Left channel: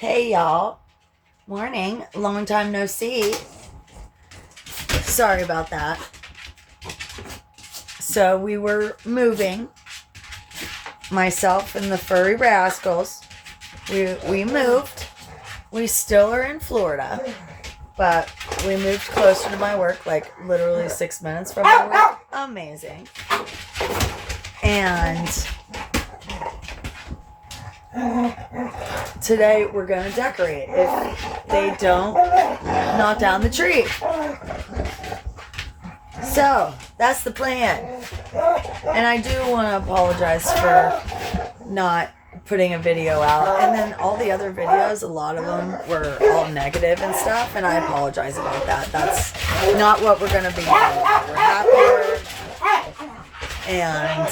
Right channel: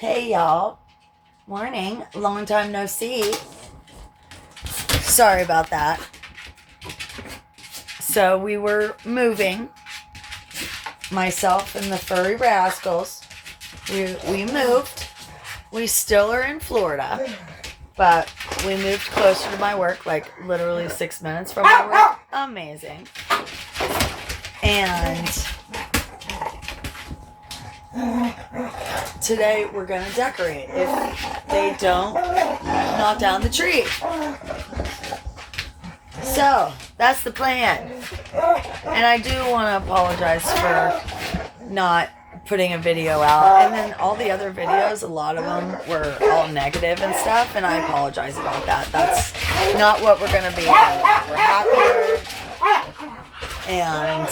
Hey y'all. Morning. Long time no see. Sorry about that. So we were moving. Myself and the furry rascals. We moved. We still are in Florida. But we moved closer to my work, like literally 6 minutes from my work. Amazing. And today we're going to decorate. If they don't knock down the tree. So, that's the plan. And I do want to apologize for not putting a video out. And then all the other videos, a lot of them were all negative and stuff. And I apologize about that. That's not what we're going to be doing. We're happier. And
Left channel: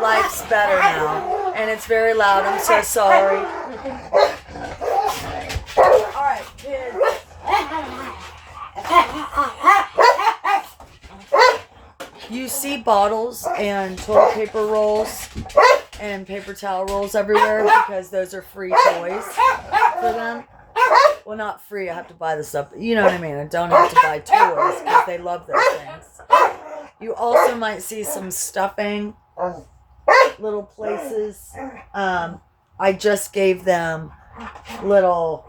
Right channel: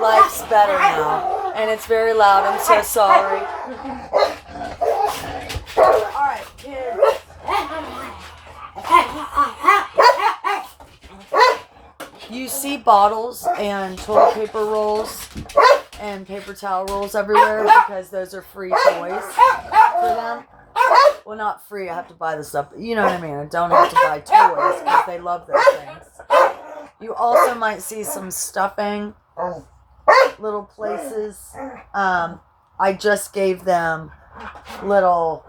life's better now. And it's very loud. I'm so sorry. Alright, kids. You see bottles and toilet paper rolls and paper towel rolls everywhere because those are free toys for them. Well, not free. I have to buy the stuff. You know what I mean? I don't have to buy toys because they love those things. You also might see some stuffing, little places. I just gave them little,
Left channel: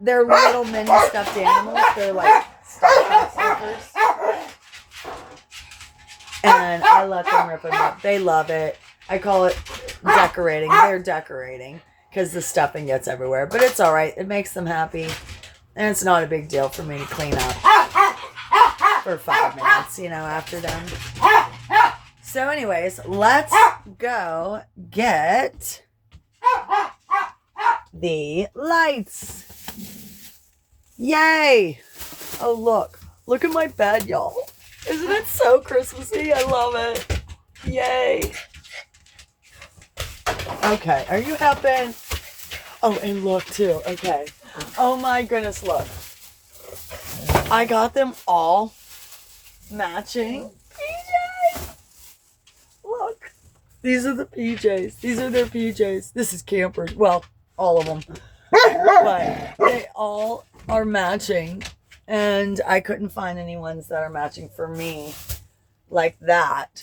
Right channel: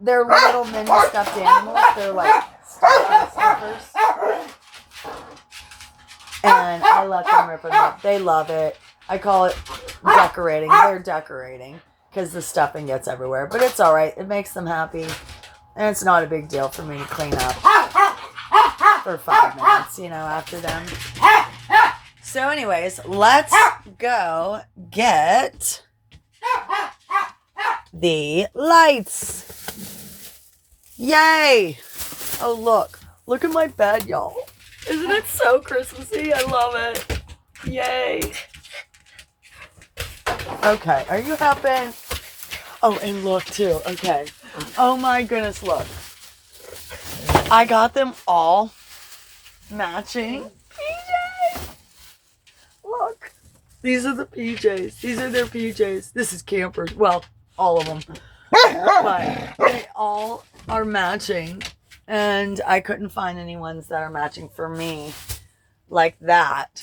they're little mini stuffed animals. They're like stuffers. And I let them rip them up. They love it. I call it decorating. They're decorating because the stuffing gets everywhere. But it's all right. It makes them happy. And it's not a big deal for me to clean up for 5 minutes, after them. So anyways, let's go get the lights. Yay! Oh, look. Look at my bed, y'all. Isn't it so Christmassy? I love it. Yay. Okay, are you happy? Oh, and look too. Okay. Oh my goodness, look. I got them all matching PJs. Look. These are the PJs. These are their PJs. This is campers. Well, all of them. But they all are matching. And I couldn't find any ones that are matching for me like that.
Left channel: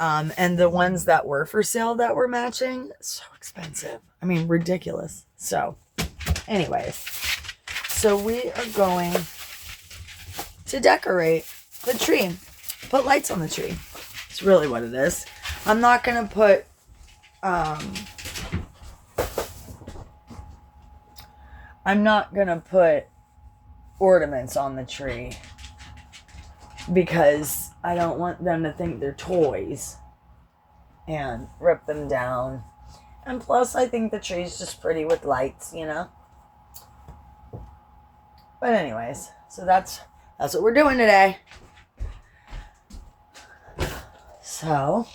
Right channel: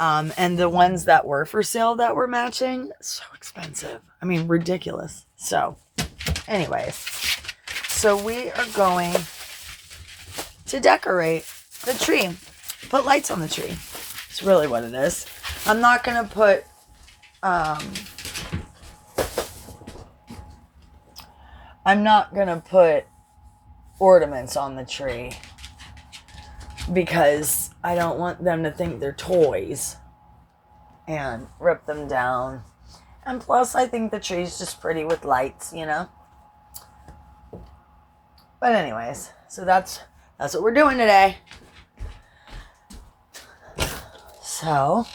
And the ones that were for sale that were matching, so expensive. I mean, ridiculous. So, anyways. So we are going to decorate the tree. Put lights on the tree. It's really what it is. I'm not going to put... I'm not going to put ornaments on the tree because I don't want them to think they're toys and rip them down. And plus, I think the tree's just pretty with lights, But anyways, so that's what we're doing today. So,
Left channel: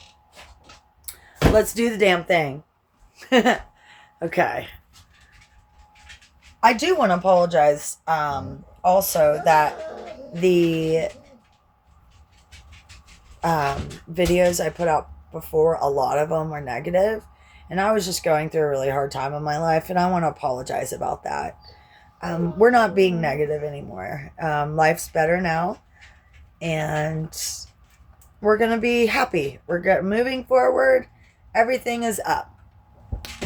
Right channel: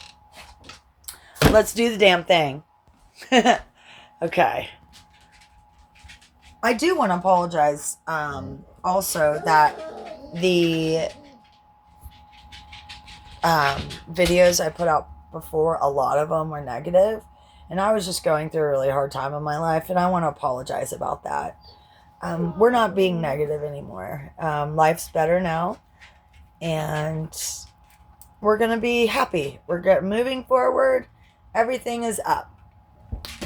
let's do the damn thing. Okay. I do want to apologize also that the videos I put out before, a lot of them were negative. And I was just going through a really hard time in my life. And I want to apologize about that. We're not being negative anymore. Life's better now. And we're going to be happy. We're moving forward. Everything is up.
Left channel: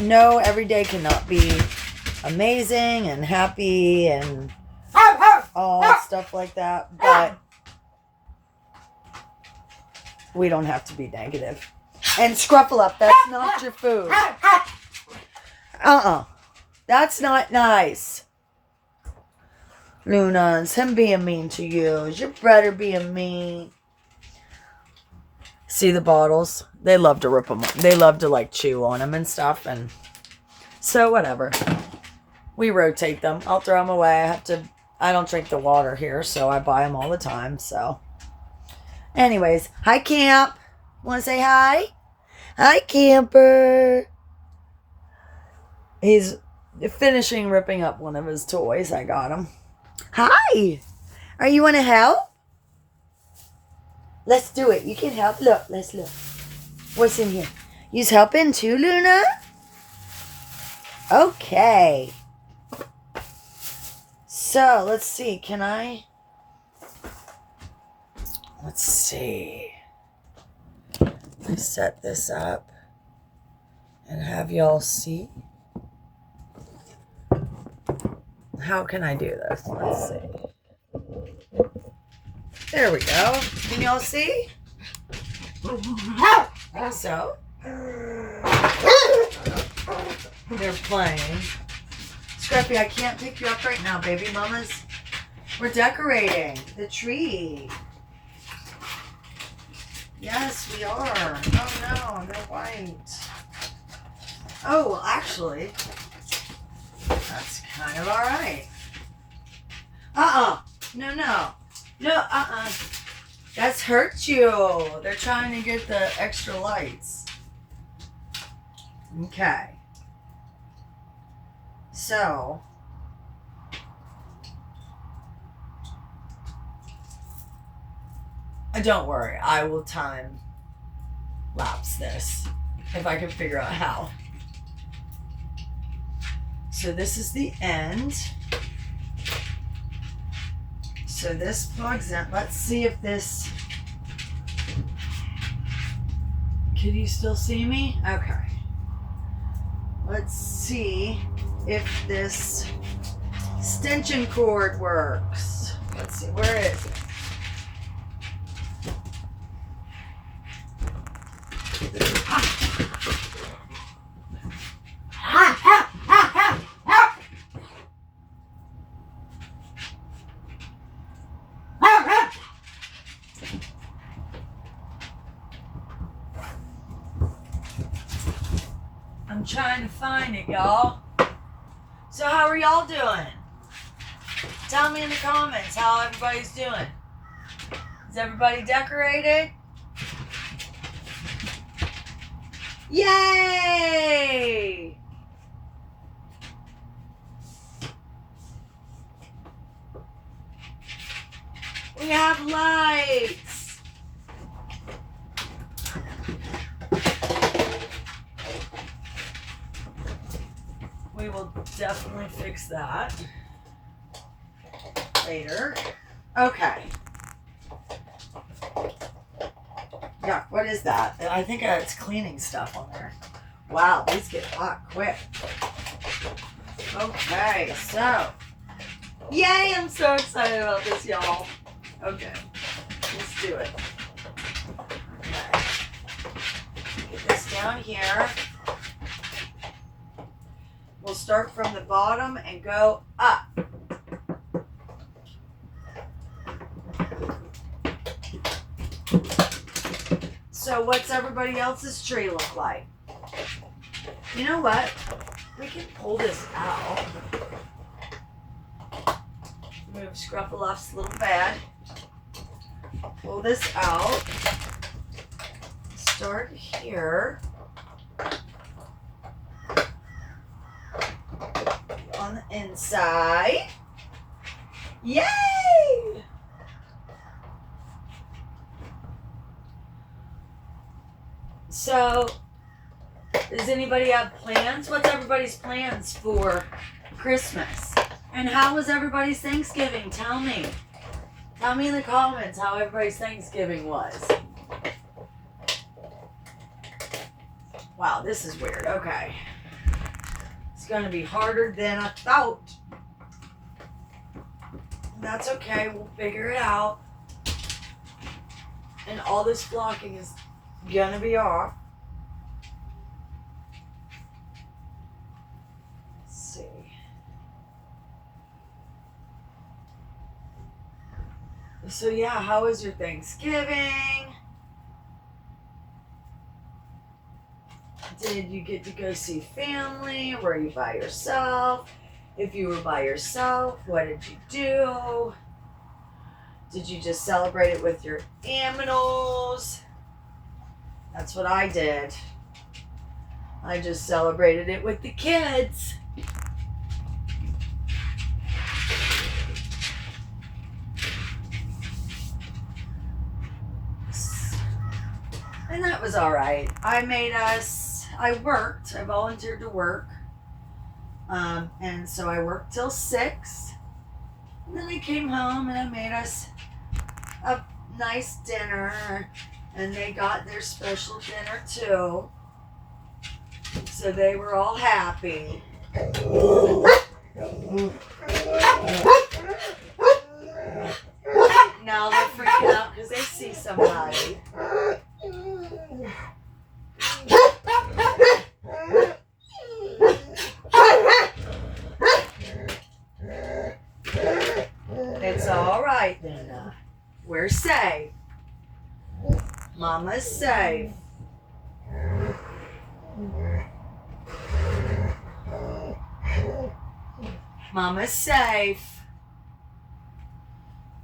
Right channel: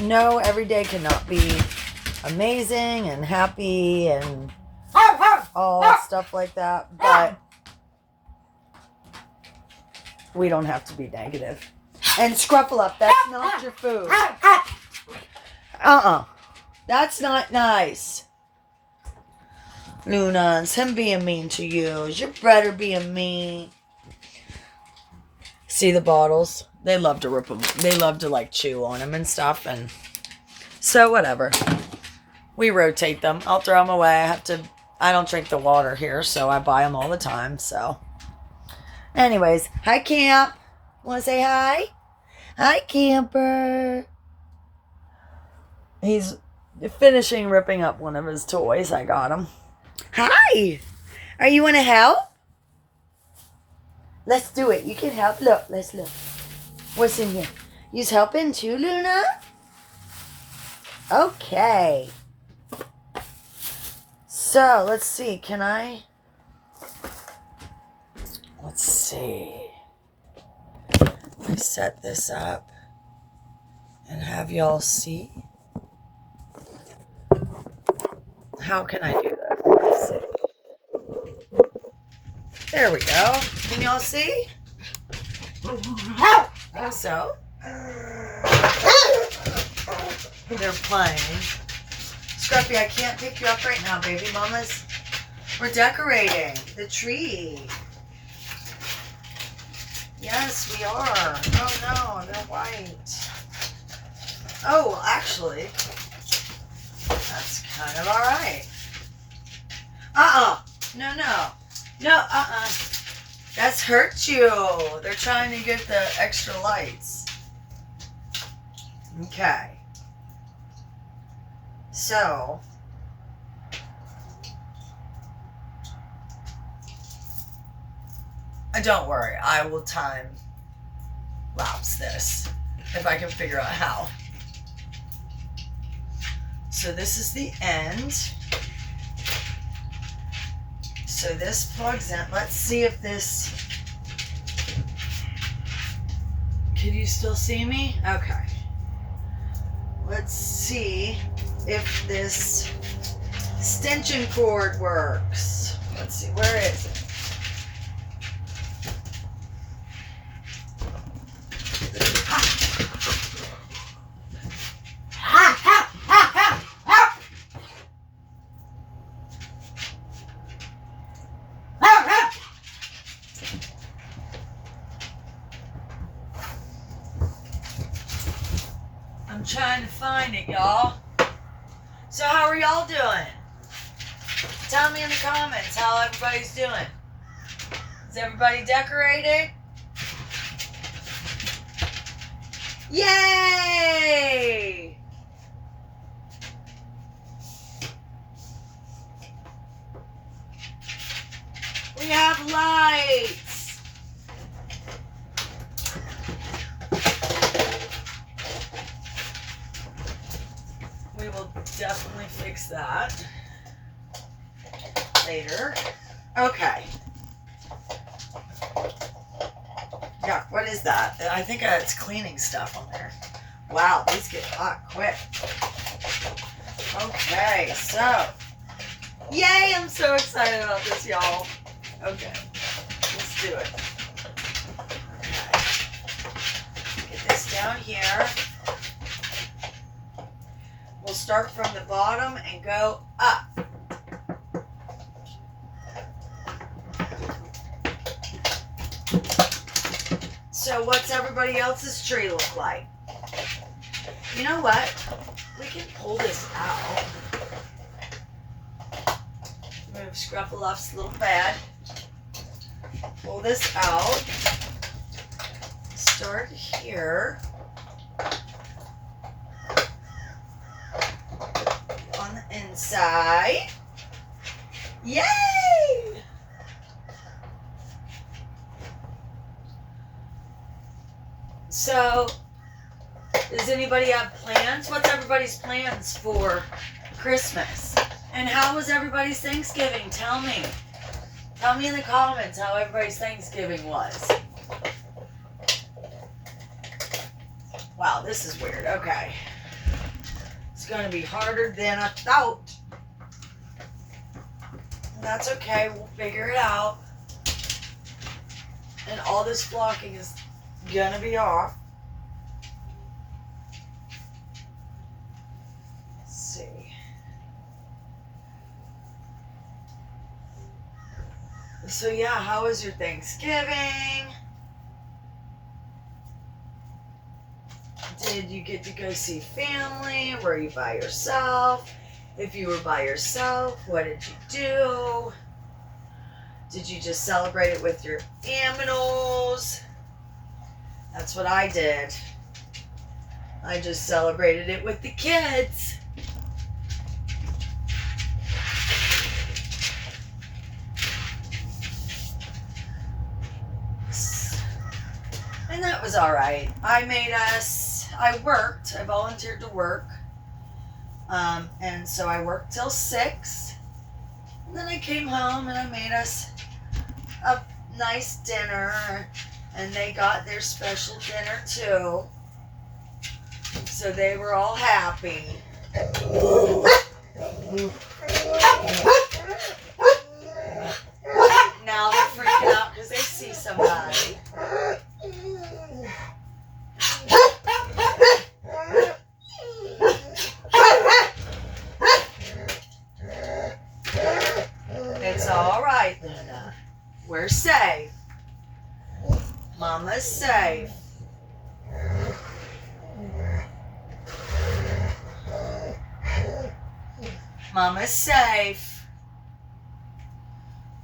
No, every day cannot be amazing and happy and all stuff like that, but we don't have to be negative. And Scruffle Up, that's not your food. That's not nice. Luna, it's him being mean to you. Is your brother being mean? See the bottles? They love to rip them. They love to chew on them and stuff, and so whatever. We rotate them. I'll throw them away. I don't drink the water here, so I buy them all the time, so. Anyways, hi, Camp. Want to say hi? Hi, Camper. He's finishing ripping up one of his toys. I got him. Hi. Are you want to help? Let's do it. You can help. Look, let's look. What's in here? You's helping too, Luna? Okay. So, let's see. Let's see. I set this up and have y'all see. How can I do this? Let's see. There we go. Can y'all see? Also, they're playing. Scruffy, I can't pick you up right now, baby mamas. We're decorating the tree. Yes, we are. Oh no, they're white. Oh, well, actually, that's kind of all right. No, that's hurt you. They're trying to get the extra lights. Okay. So, don't worry. I will time lapse this if I can figure out how. So this is the end. So this plugs in. Let's see if this... Can you still see me? Okay. Let's see if this extension cord works. Let's see, where is it? I'm trying to find it, y'all. So how are y'all doing? Tell me in the comments how everybody's doing. Is everybody decorated? Yay! We have lights. We will definitely fix that later. Okay. Yeah, what is that? I think it's cleaning stuff on there. Wow, these get hot quick. Okay, so. Yay, I'm so excited about this, y'all. Okay, let's do it. Okay. Get this down here. We'll start from the bottom and go up. So what's everybody else's tree look like? You know what? We can pull this out. Move Scruffaloff's little bed. Pull this out. Start here. On the inside. Yay! So, does anybody have plans? What's everybody's plans for Christmas? And how was everybody's Thanksgiving? Tell me. Tell me in the comments how everybody's Thanksgiving was. Wow, this is weird. Okay. It's going to be harder than I thought. That's okay. We'll figure it out. And all this flocking is going to be off. Let's see. So yeah, how was your Thanksgiving? Did you get to go see family? Were you by yourself? If you were by yourself, what did you do? Did you just celebrate it with your aminals? That's what I did. I just celebrated it with the kids. And that was all right. I volunteered to work And so I worked till 6. And then I came home and I made us a nice dinner. And they got their special dinner too. So they were all happy. Now they're freaking out because they see somebody. It's all right, Luna. We're safe. Mama's safe. Mama's safe.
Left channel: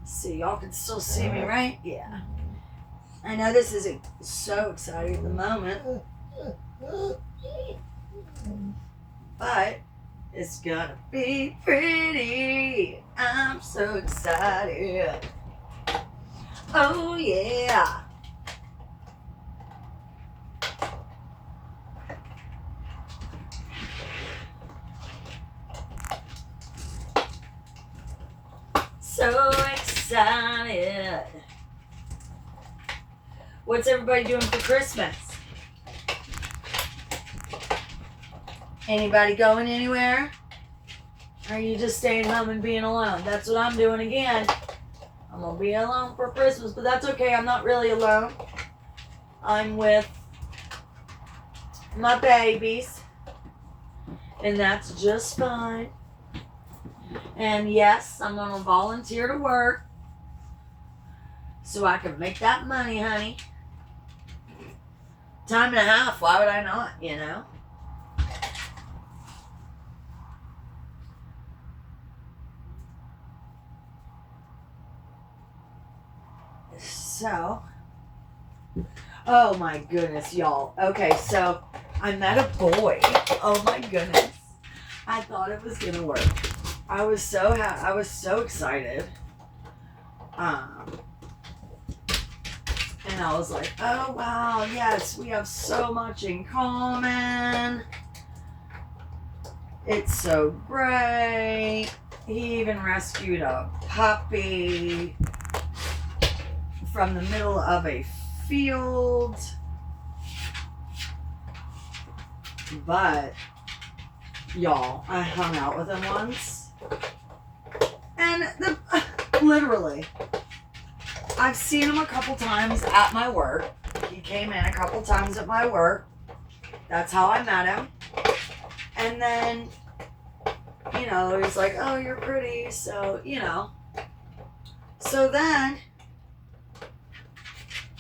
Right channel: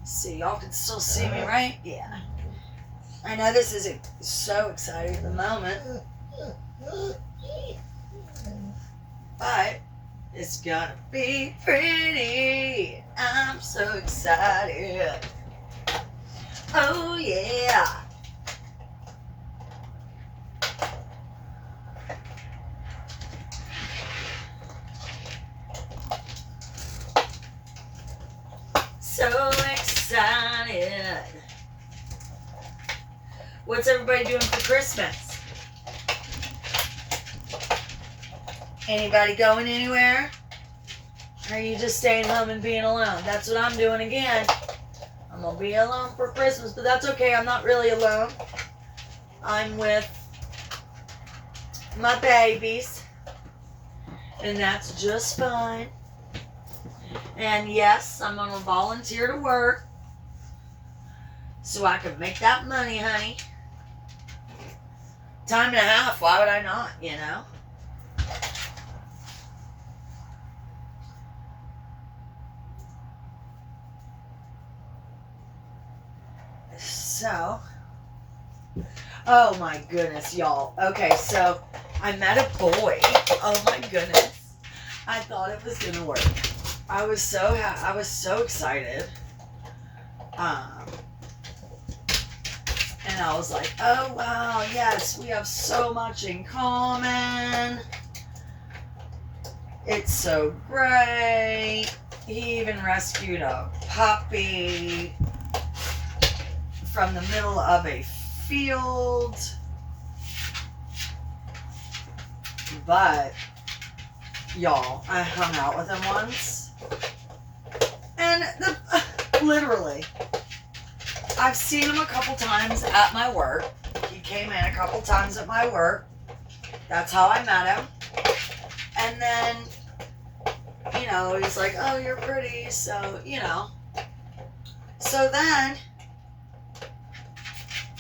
See, y'all can still see me, right? Yeah. I know this isn't so exciting at the moment, but it's gonna be pretty. I'm so excited. Oh, yeah. So excited. What's everybody doing for Christmas? Anybody going anywhere? Or are you just staying home and being alone? That's what I'm doing again. I'm going to be alone for Christmas, but that's okay. I'm not really alone. I'm with my babies. And that's just fine. And yes, I'm going to volunteer to work so I can make that money, honey. Time and a half, why would I not, you know? So, oh my goodness, y'all. Okay, so I met a boy. Oh my goodness. I thought it was going to work. I was so excited. And I was like, oh wow, yes, we have so much in common. It's so great. He even rescued a puppy from the middle of a field. But, y'all, I hung out with him once. And literally, I've seen him a couple times at my work. He came in a couple times at my work. That's how I met him. And then, you know, he's like, oh, you're pretty. So, you know. So then,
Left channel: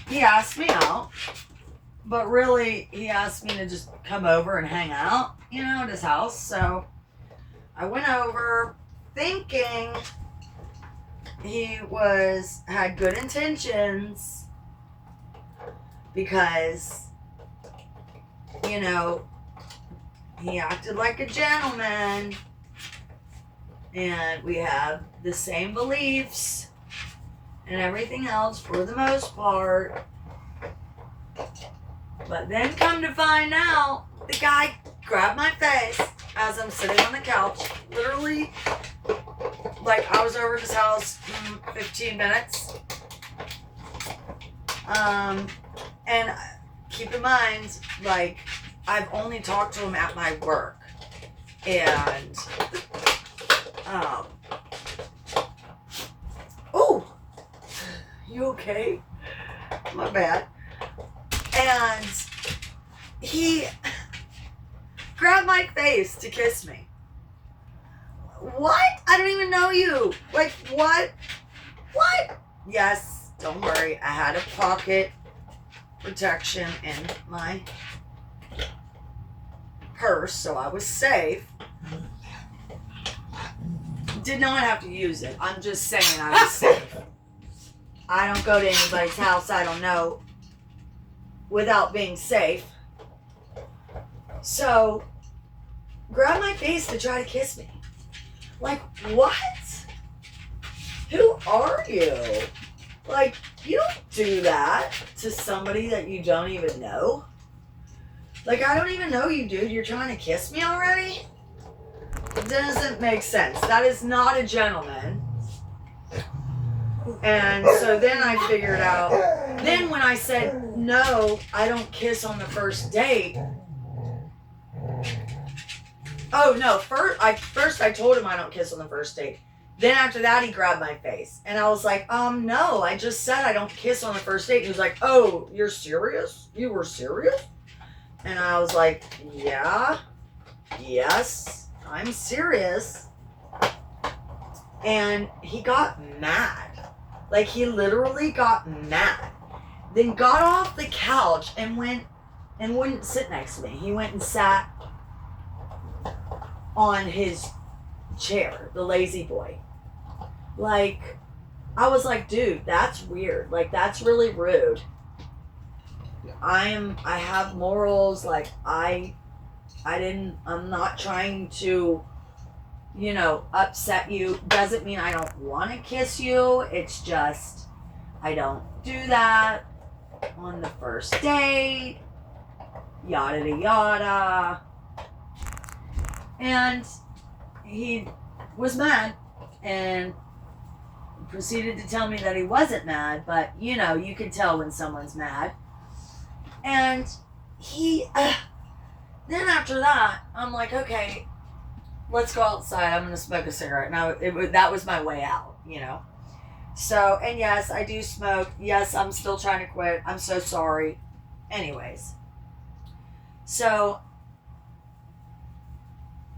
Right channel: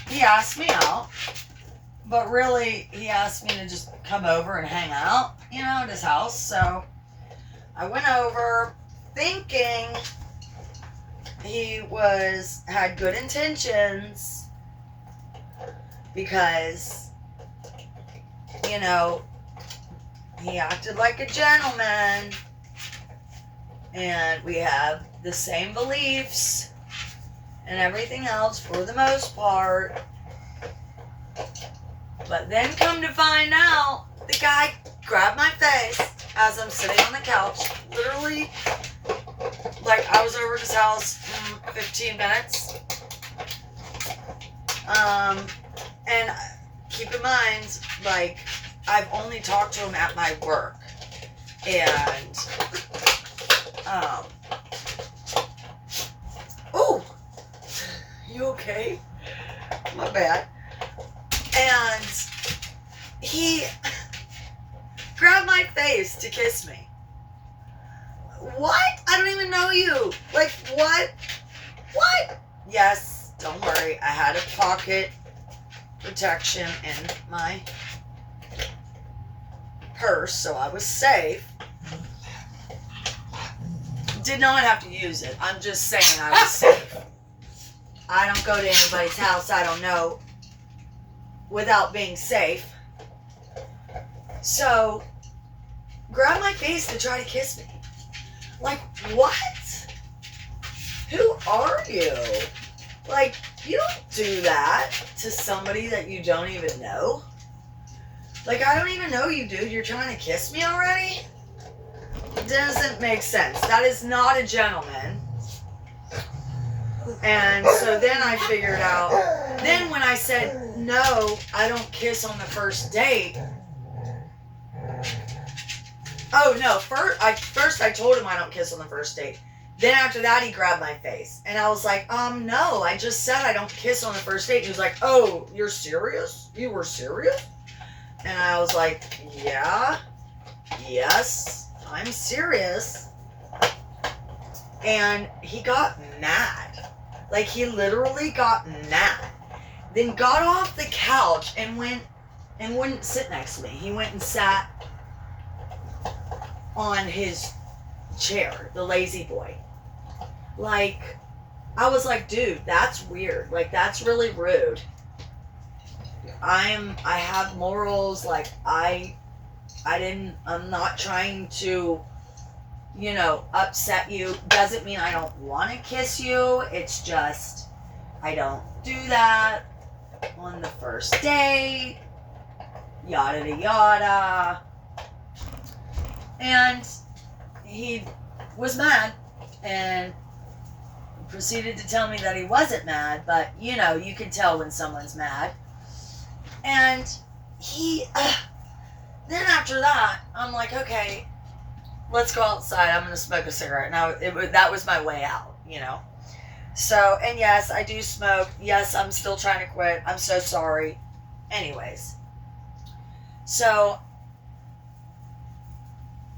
he asked me out. But really, he asked me to just come over and hang out, you know, at his house. So, I went over thinking he had good intentions because, you know, he acted like a gentleman and we have the same beliefs and everything else for the most part. But then come to find out, the guy grabbed my face as I'm sitting on the couch. Literally, like I was over at his house 15 minutes. And keep in mind, like, I've only talked to him at my work. And, oh, you okay? My bad. And he grabbed my face to kiss me. What? I don't even know you. Like, what? What? Yes, don't worry. I had a pocket protection in my purse, so I was safe. Did not have to use it. I'm just saying I was safe. I don't go to anybody's house I don't know without being safe. So, grab my face to try to kiss me. Like, what? Who are you? Like, you don't do that to somebody that you don't even know. Like, I don't even know you, dude. You're trying to kiss me already? doesn't make sense. That is not a gentleman. And so then I figured out, then when I said, no, I don't kiss on the first date. Oh, no, first I told him I don't kiss on the first date. Then after that, he grabbed my face. And I was like, no, I just said I don't kiss on the first date. And he was like, oh, you're serious? You were serious? And I was like, yeah, yes, I'm serious. And he got mad. Like, he literally got mad. Then got off the couch and went and wouldn't sit next to me. He went and sat on his chair, the lazy boy. Like, I was like, dude, that's weird. Like, that's really rude. I have morals. Like, I'm not trying to, upset you. Doesn't mean I don't want to kiss you. It's just, I don't do that on the first date. Yada yada. And he was mad and proceeded to tell me that he wasn't mad, but you can tell when someone's mad. And then after that, I'm like, okay, let's go outside. I'm going to smoke a cigarette. Now, that was my way out, So, and yes, I do smoke. Yes, I'm still trying to quit. I'm so sorry. Anyways. So,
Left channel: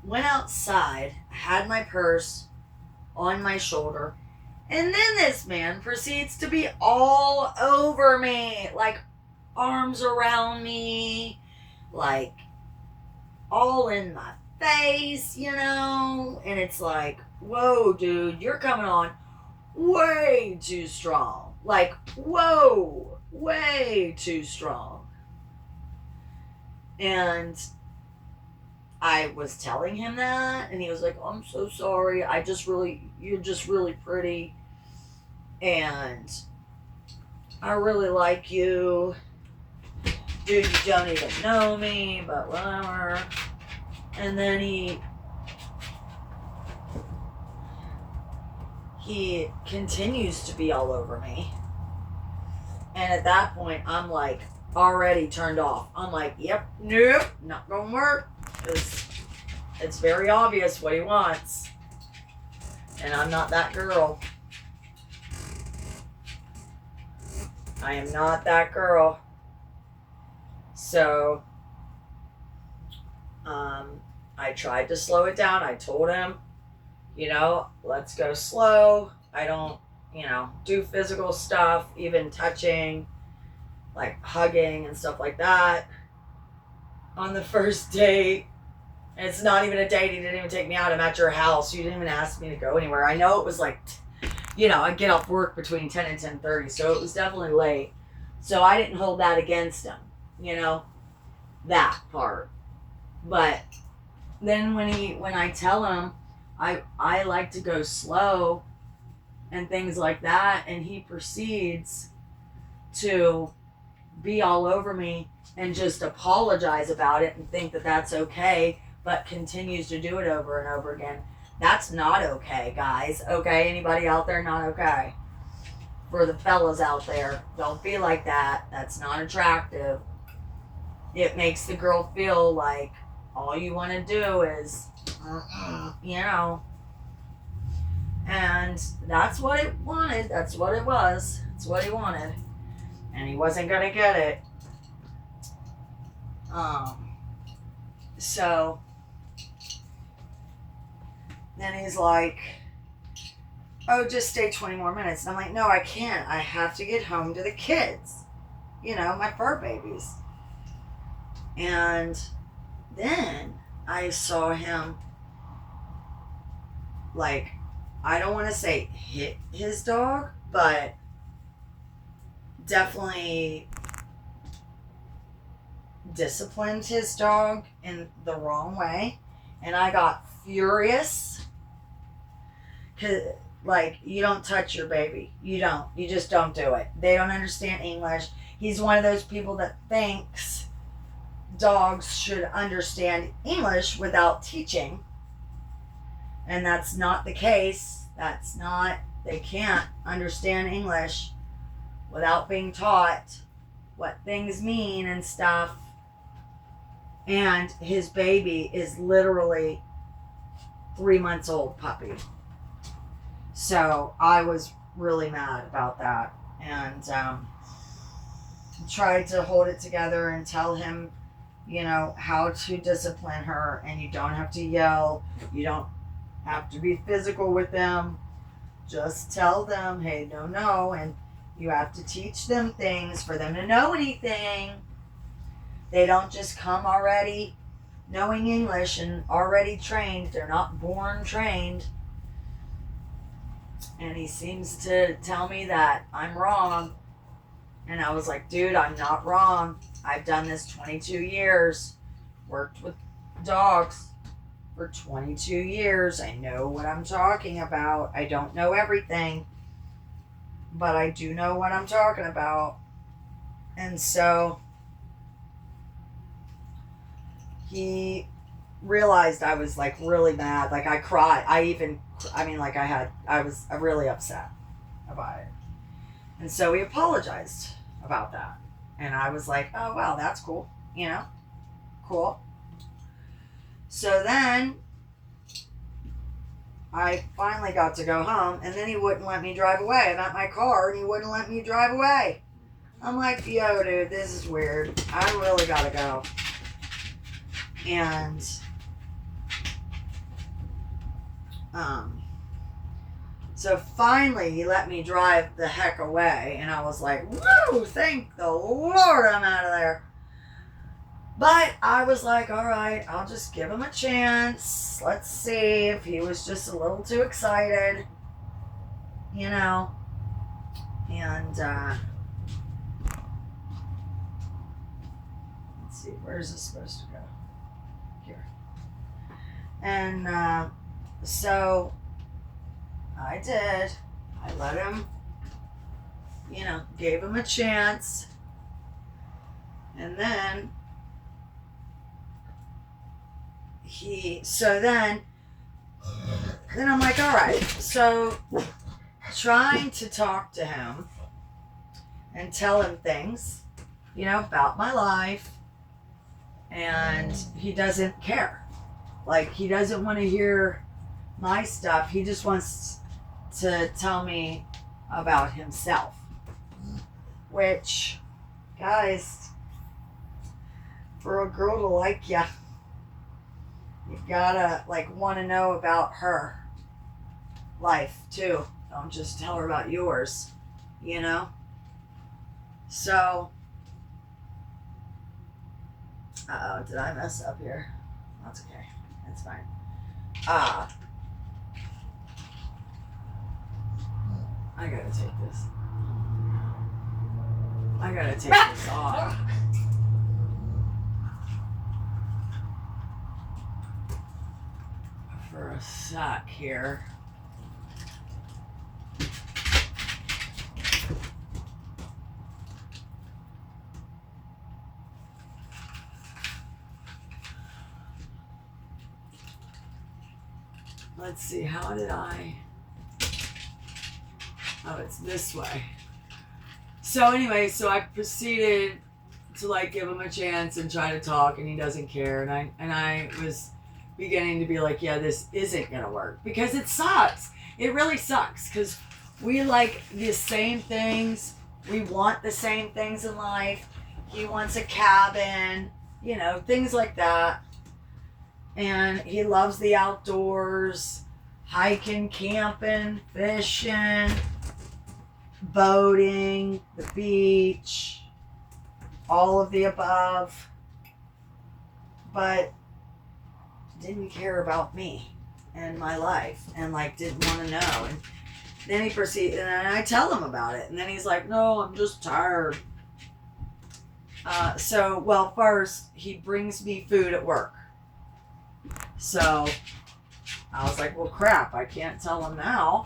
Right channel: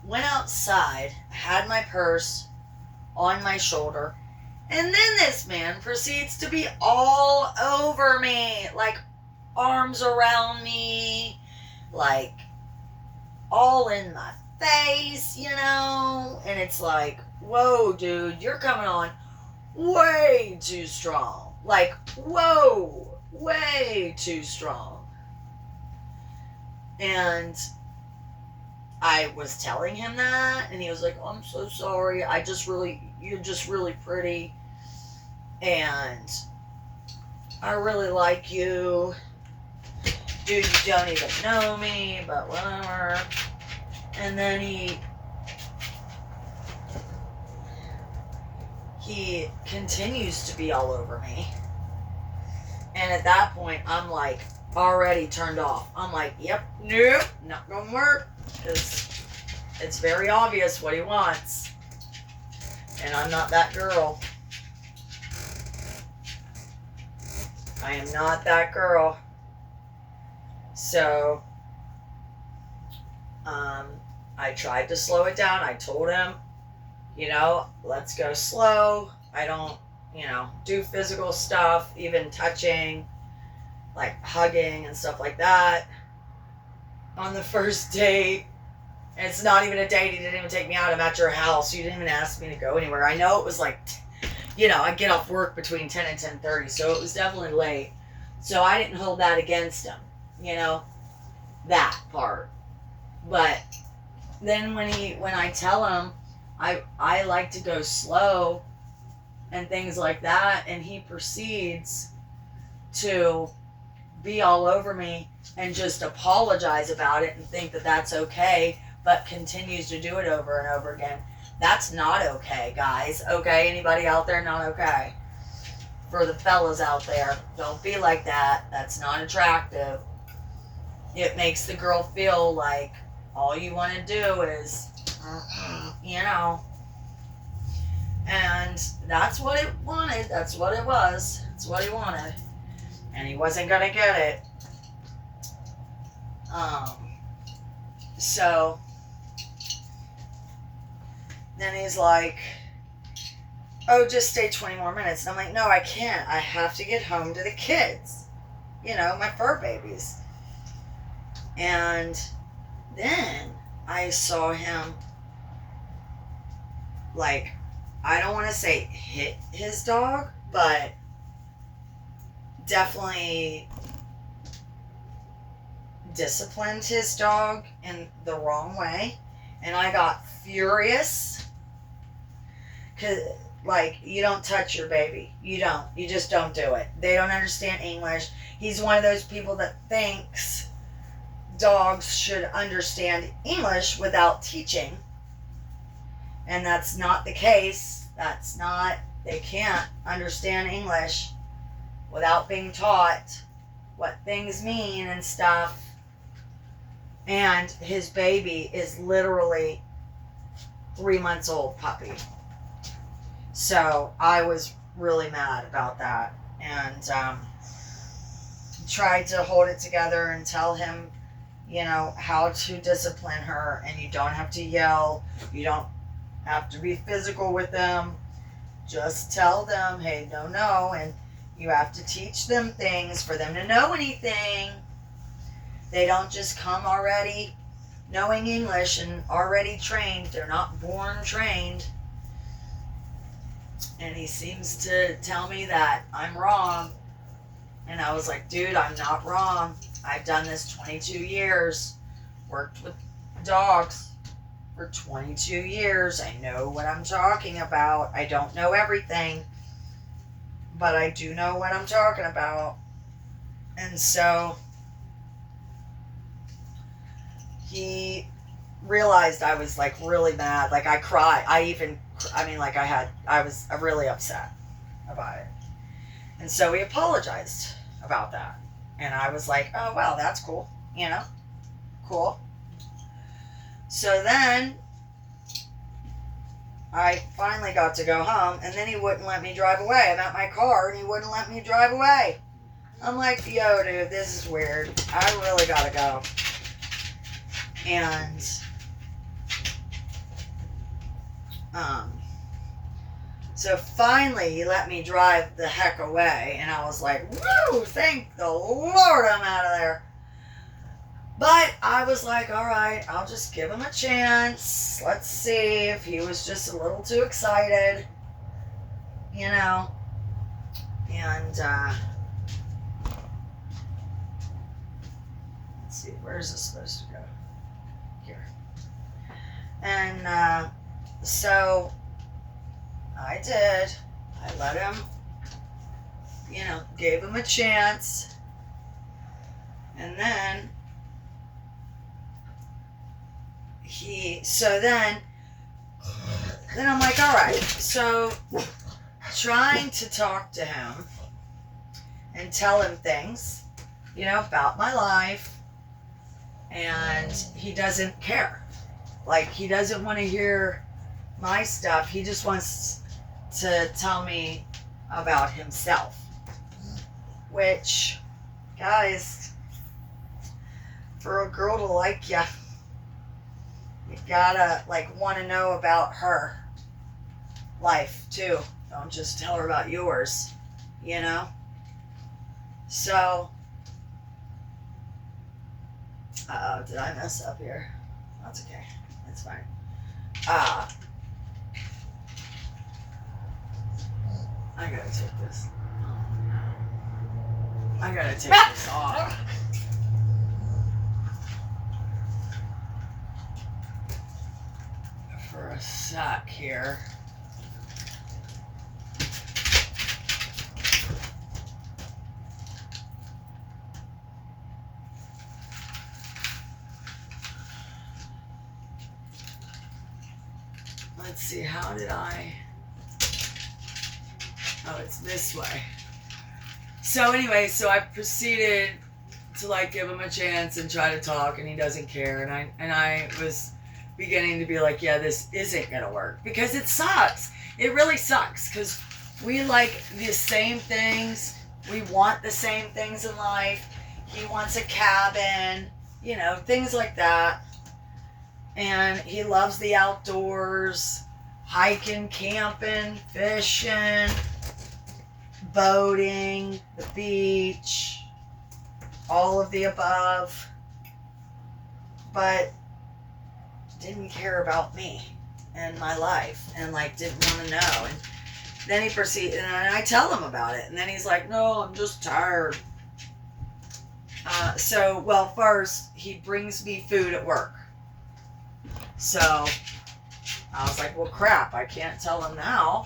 went outside, had my purse on my shoulder, and then this man proceeds to be all over me, like arms around me, like all in my face, and it's like, whoa, dude, you're coming on way too strong. Like, whoa, way too strong. And I was telling him that, and he was like, oh, I'm so sorry. You're just really pretty, and I really like you. Dude, you don't even know me, but whatever. And then he continues to be all over me. And at that point, I'm like already turned off. I'm like, yep, nope, not gonna work. It's very obvious what he wants. And I'm not that girl. I am not that girl. So, I tried to slow it down. I told him, let's go slow. I don't, do physical stuff, even touching, like hugging and stuff like that on the first date. And it's not even a date. You didn't even take me out. I'm at your house. You didn't even ask me to go anywhere. I know it was like, I get off work between 10 and 10:30, so it was definitely late. So I didn't hold that against him, that part. But then when I tell him I like to go slow and things like that, and he proceeds to be all over me and just apologize about it and think that that's okay, but continues to do it over and over again. That's not okay, guys. Okay? Anybody out there not okay? For the fellas out there, don't be like that. That's not attractive. It makes the girl feel like all you want to do is, and that's what it wanted. That's what it was. That's what he wanted. And he wasn't going to get it. So then he's like, oh, just stay 20 more minutes. And I'm like, no, I can't. I have to get home to the kids. My fur babies. And then I saw him, like, I don't want to say hit his dog, but definitely disciplined his dog in the wrong way. And I got furious. Because, like, you don't touch your baby. You don't. You just don't do it. They don't understand English. He's one of those people that thinks dogs should understand English without teaching. And that's not the case. That's not, they can't understand English without being taught what things mean and stuff. And his baby is literally 3 months old puppy. So I was really mad about that, and tried to hold it together and tell him, you know, how to discipline her. And you don't have to yell. You don't have to be physical with them. Just tell them, hey, no. And you have to teach them things for them to know anything. They don't just come already knowing English and already trained. They're not born trained. And he seems to tell me that I'm wrong. And I was like, dude, I'm not wrong. I've done this 22 years. Worked with dogs for 22 years. I know what I'm talking about. I don't know everything, but I do know what I'm talking about. And so he realized I was like really mad. Like I cried. I was really upset about it. And so he apologized about that. And I was like, oh, wow, that's cool. You know, cool. So then I finally got to go home, and then he wouldn't let me drive away. I'm at my car and he wouldn't let me drive away. I'm like, yo, dude, this is weird. I really gotta go. And so finally he let me drive the heck away, and I was like, woo, thank the Lord I'm out of there. But I was like, all right, I'll just give him a chance. Let's see if he was just a little too excited, you know. And let's see, where's this supposed to go? Here. And so I did. I let him, you know, gave him a chance. And then then I'm like, all right. So trying to talk to him and tell him things, you know, about my life. And he doesn't care. Like, he doesn't want to hear my stuff. He just wants to tell me about himself. Which, guys, for a girl to like you, you gotta, like, want to know about her life, too. Don't just tell her about yours, you know? So, uh-oh, did I mess up here? That's okay. That's fine. I gotta take this. I gotta take this off. For a sec here. Let's see, how did I... Oh, it's this way. So anyway, so I proceeded to like give him a chance and try to talk, and he doesn't care. And I was beginning to be like, yeah, this isn't gonna work, because it sucks. It really sucks, because we like the same things. We want the same things in life. He wants a cabin, you know, things like that. And he loves the outdoors, hiking, camping, fishing, boating, the beach, all of the above, but didn't care about me and my life, and like didn't want to know. And then he proceeded, and I tell him about it, and then he's like, no, I'm just tired. Well, first he brings me food at work. So I was like, well, crap, I can't tell him now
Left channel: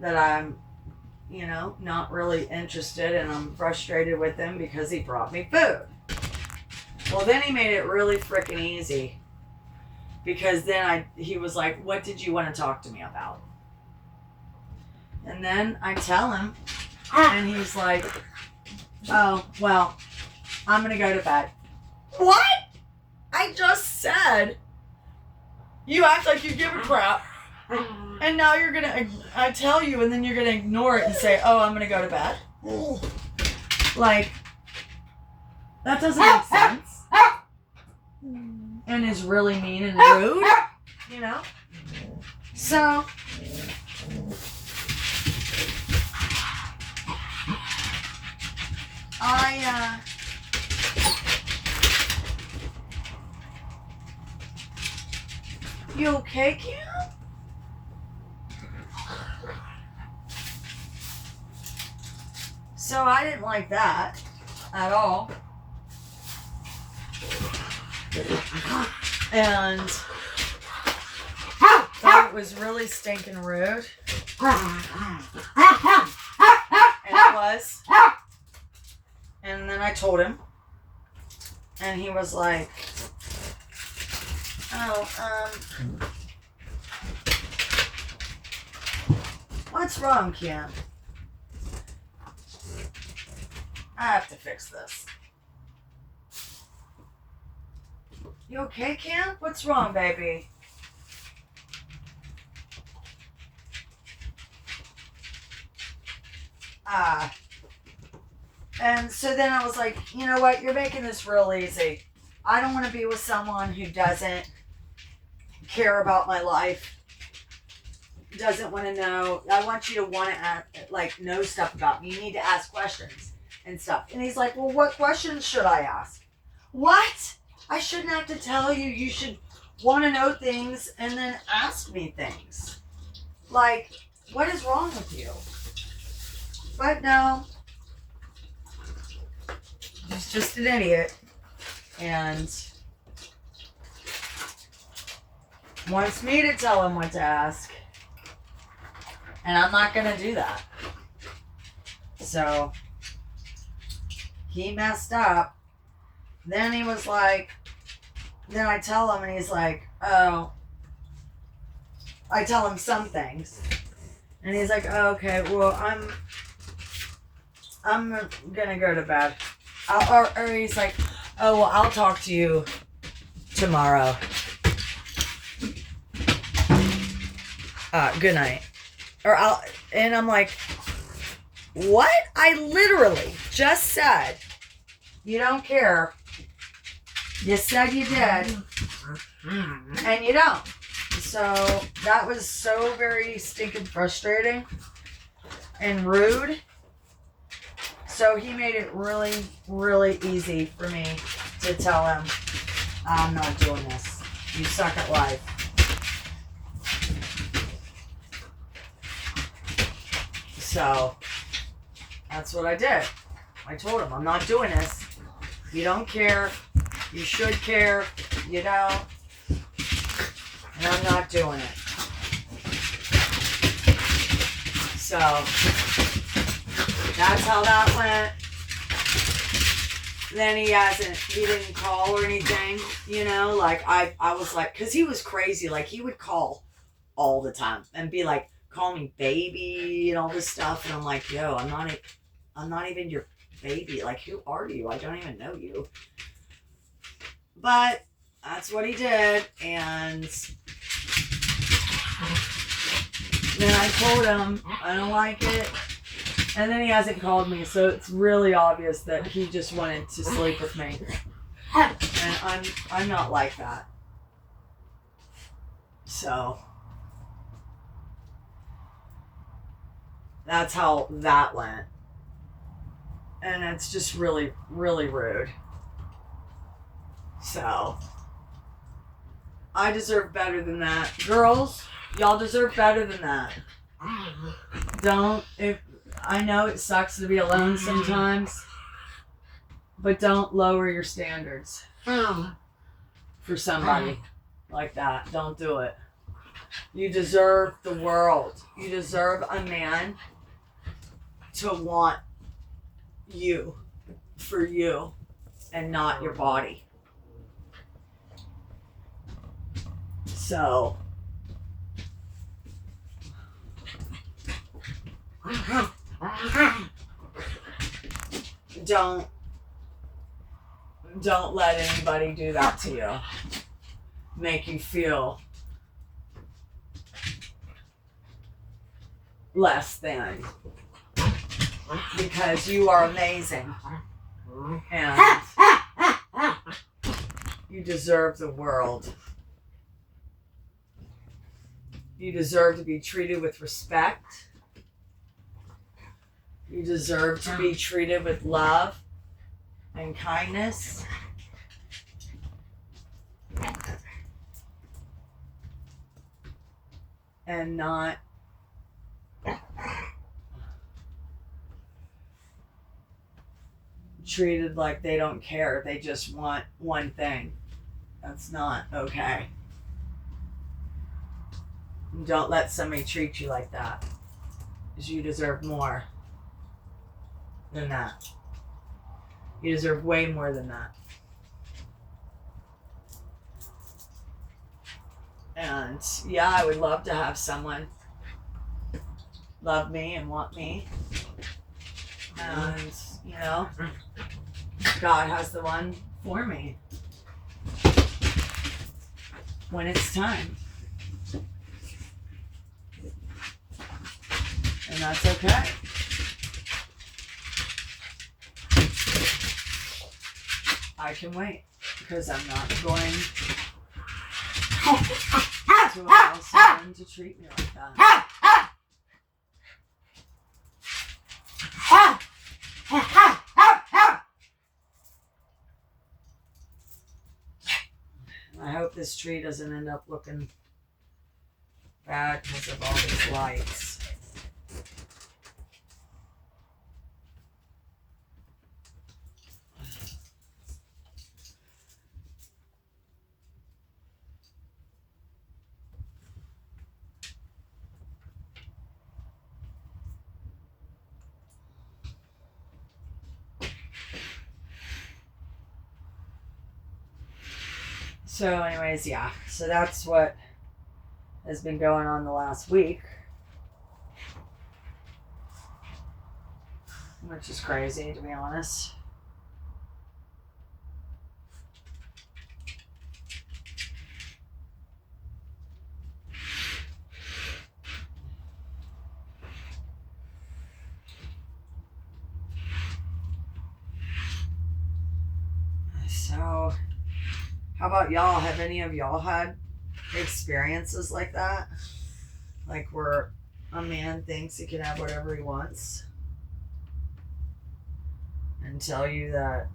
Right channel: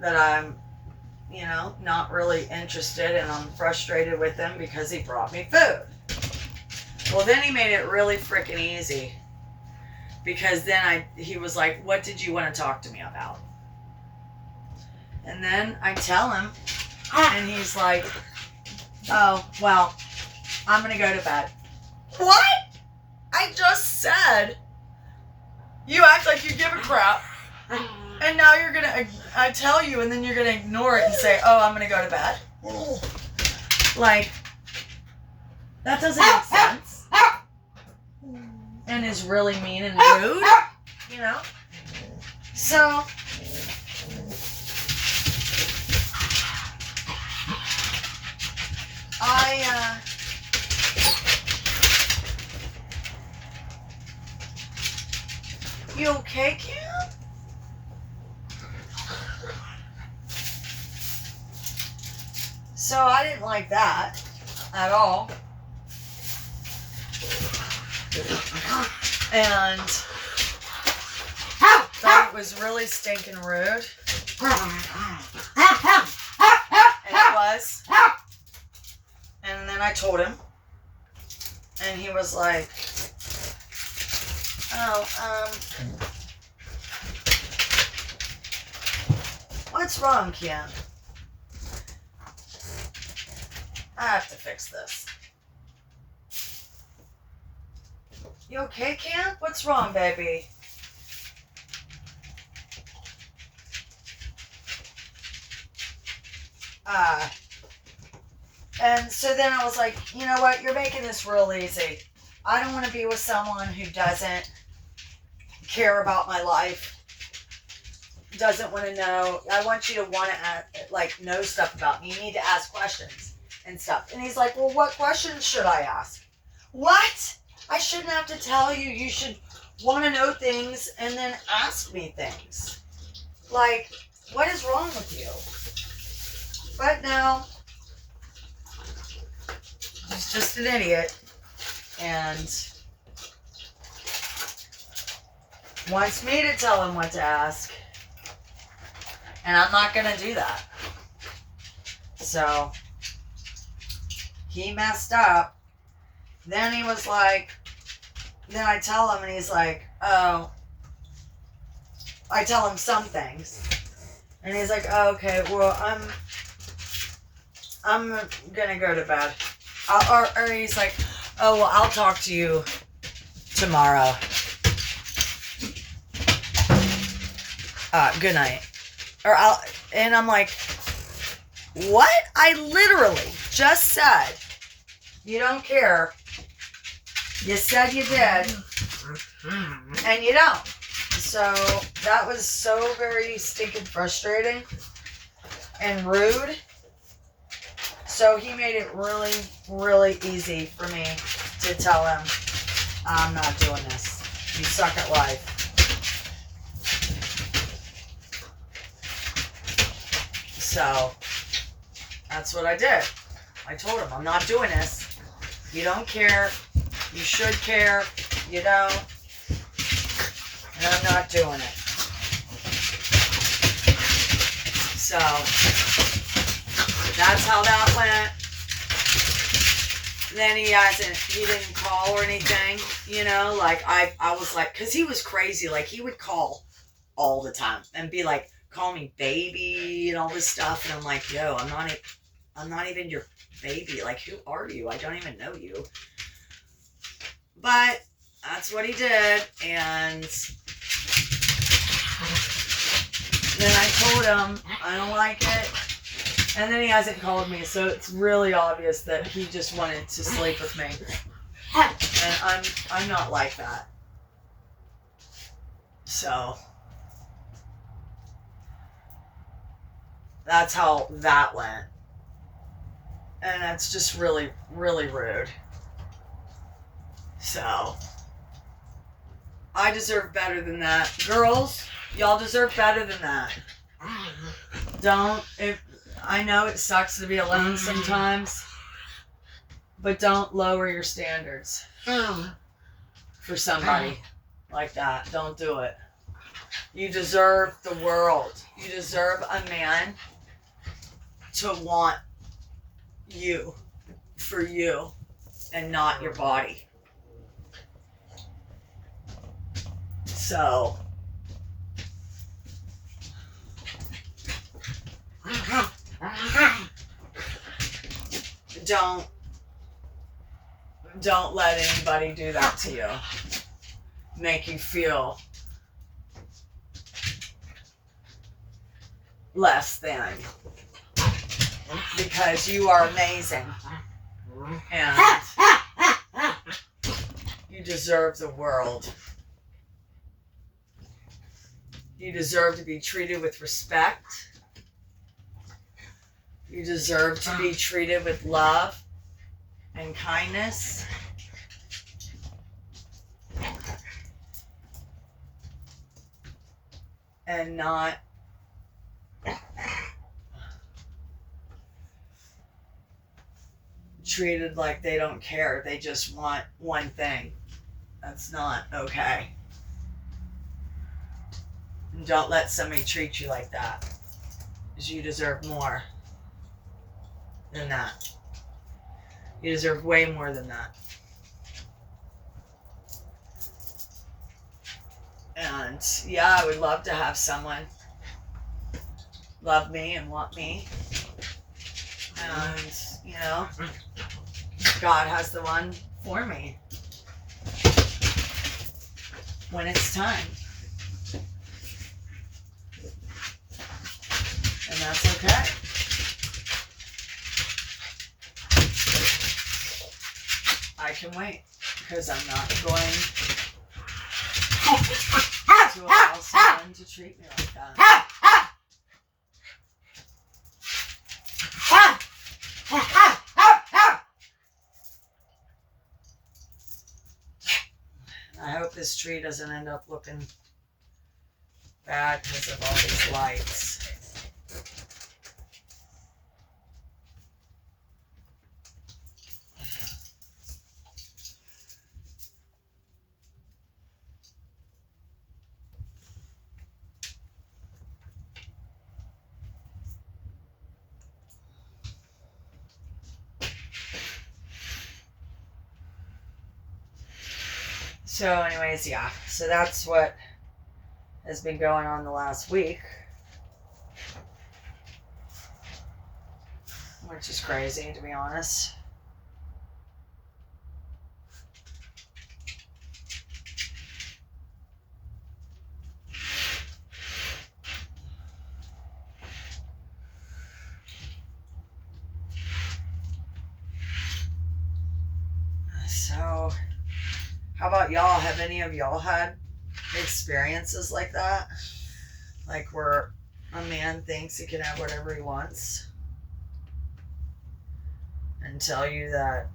that I'm, you know, not really interested, and I'm frustrated with him because he brought me food. Well, then he made it really freaking easy. Because then he was like, what did you want to talk to me about? And then I tell him, and he's like, oh, well, I'm going to go to bed. What? I just said, you act like you give a crap, and now you're going to, I tell you, and then you're going to ignore it and say, oh, I'm going to go to bed. Like, that doesn't make sense. And is really mean and rude, you know? So, you okay, Kim? So I didn't like that at all. And thought it was really stinking rude. And it was. And then I told him. And he was like, oh, what's wrong, Kim? I have to fix this. You okay, Kim? What's wrong, baby? And so then I was like, you know what? You're making this real easy. I don't want to be with someone who doesn't care about my life, doesn't want to know. I want you to want to, know stuff about me. You need to ask questions and stuff. And he's like, well, what questions should I ask? What? I shouldn't have to tell you. You should want to know things and then ask me things. Like, what is wrong with you? But no. He's just an idiot. And wants me to tell him what to ask. And I'm not going to do that. So, he messed up. Then he was like, then I tell him and he's like, oh, I tell him some things. And he's like, oh, okay, well, I'm going to go to bed. Or he's like, oh, well, I'll talk to you tomorrow. Good night. And I'm like, what? I literally just said, you don't care. You said you did. And you don't. So that was so very stinking frustrating and rude. So he made it really, really easy for me to tell him, I'm not doing this. You suck at life. So that's what I did. I told him, I'm not doing this. You don't care. You should care. You don't. And I'm not doing it. So that's how that went. Then he didn't call or anything, I was like, cause he was crazy. Like he would call all the time and be like, call me baby and all this stuff. And I'm like, yo, I'm not even your baby. Like, who are you? I don't even know you. But that's what he did. And then I told him I don't like it. And then he hasn't called me, so it's really obvious that he just wanted to sleep with me. And I'm not like that. So that's how that went. And it's just really, really rude. So I deserve better than that. Girls, y'all deserve better than that. I know it sucks to be alone sometimes, but don't lower your standards for somebody like that. Don't do it. You deserve the world. You deserve a man to want you for you and not your body. So don't let anybody do that to you. Make you feel less than. Because you are amazing. And you deserve the world. You deserve to be treated with respect. You deserve to be treated with love and kindness. And not treated like they don't care. They just want one thing. That's not okay. Don't let somebody treat you like that. Because you deserve more than that. You deserve way more than that. And yeah, I would love to have someone love me and want me. And, you know, God has the one for me when it's time. And that's okay. I can wait because I'm not going to allow someone to treat me like that. I hope this tree doesn't end up looking bad because of all these lights. So anyways, yeah. So that's what has been going on the last week. Which is crazy, to be honest. So, how about y'all? Have any of y'all had experiences like that? Like where a man thinks he can have whatever he wants and tell you that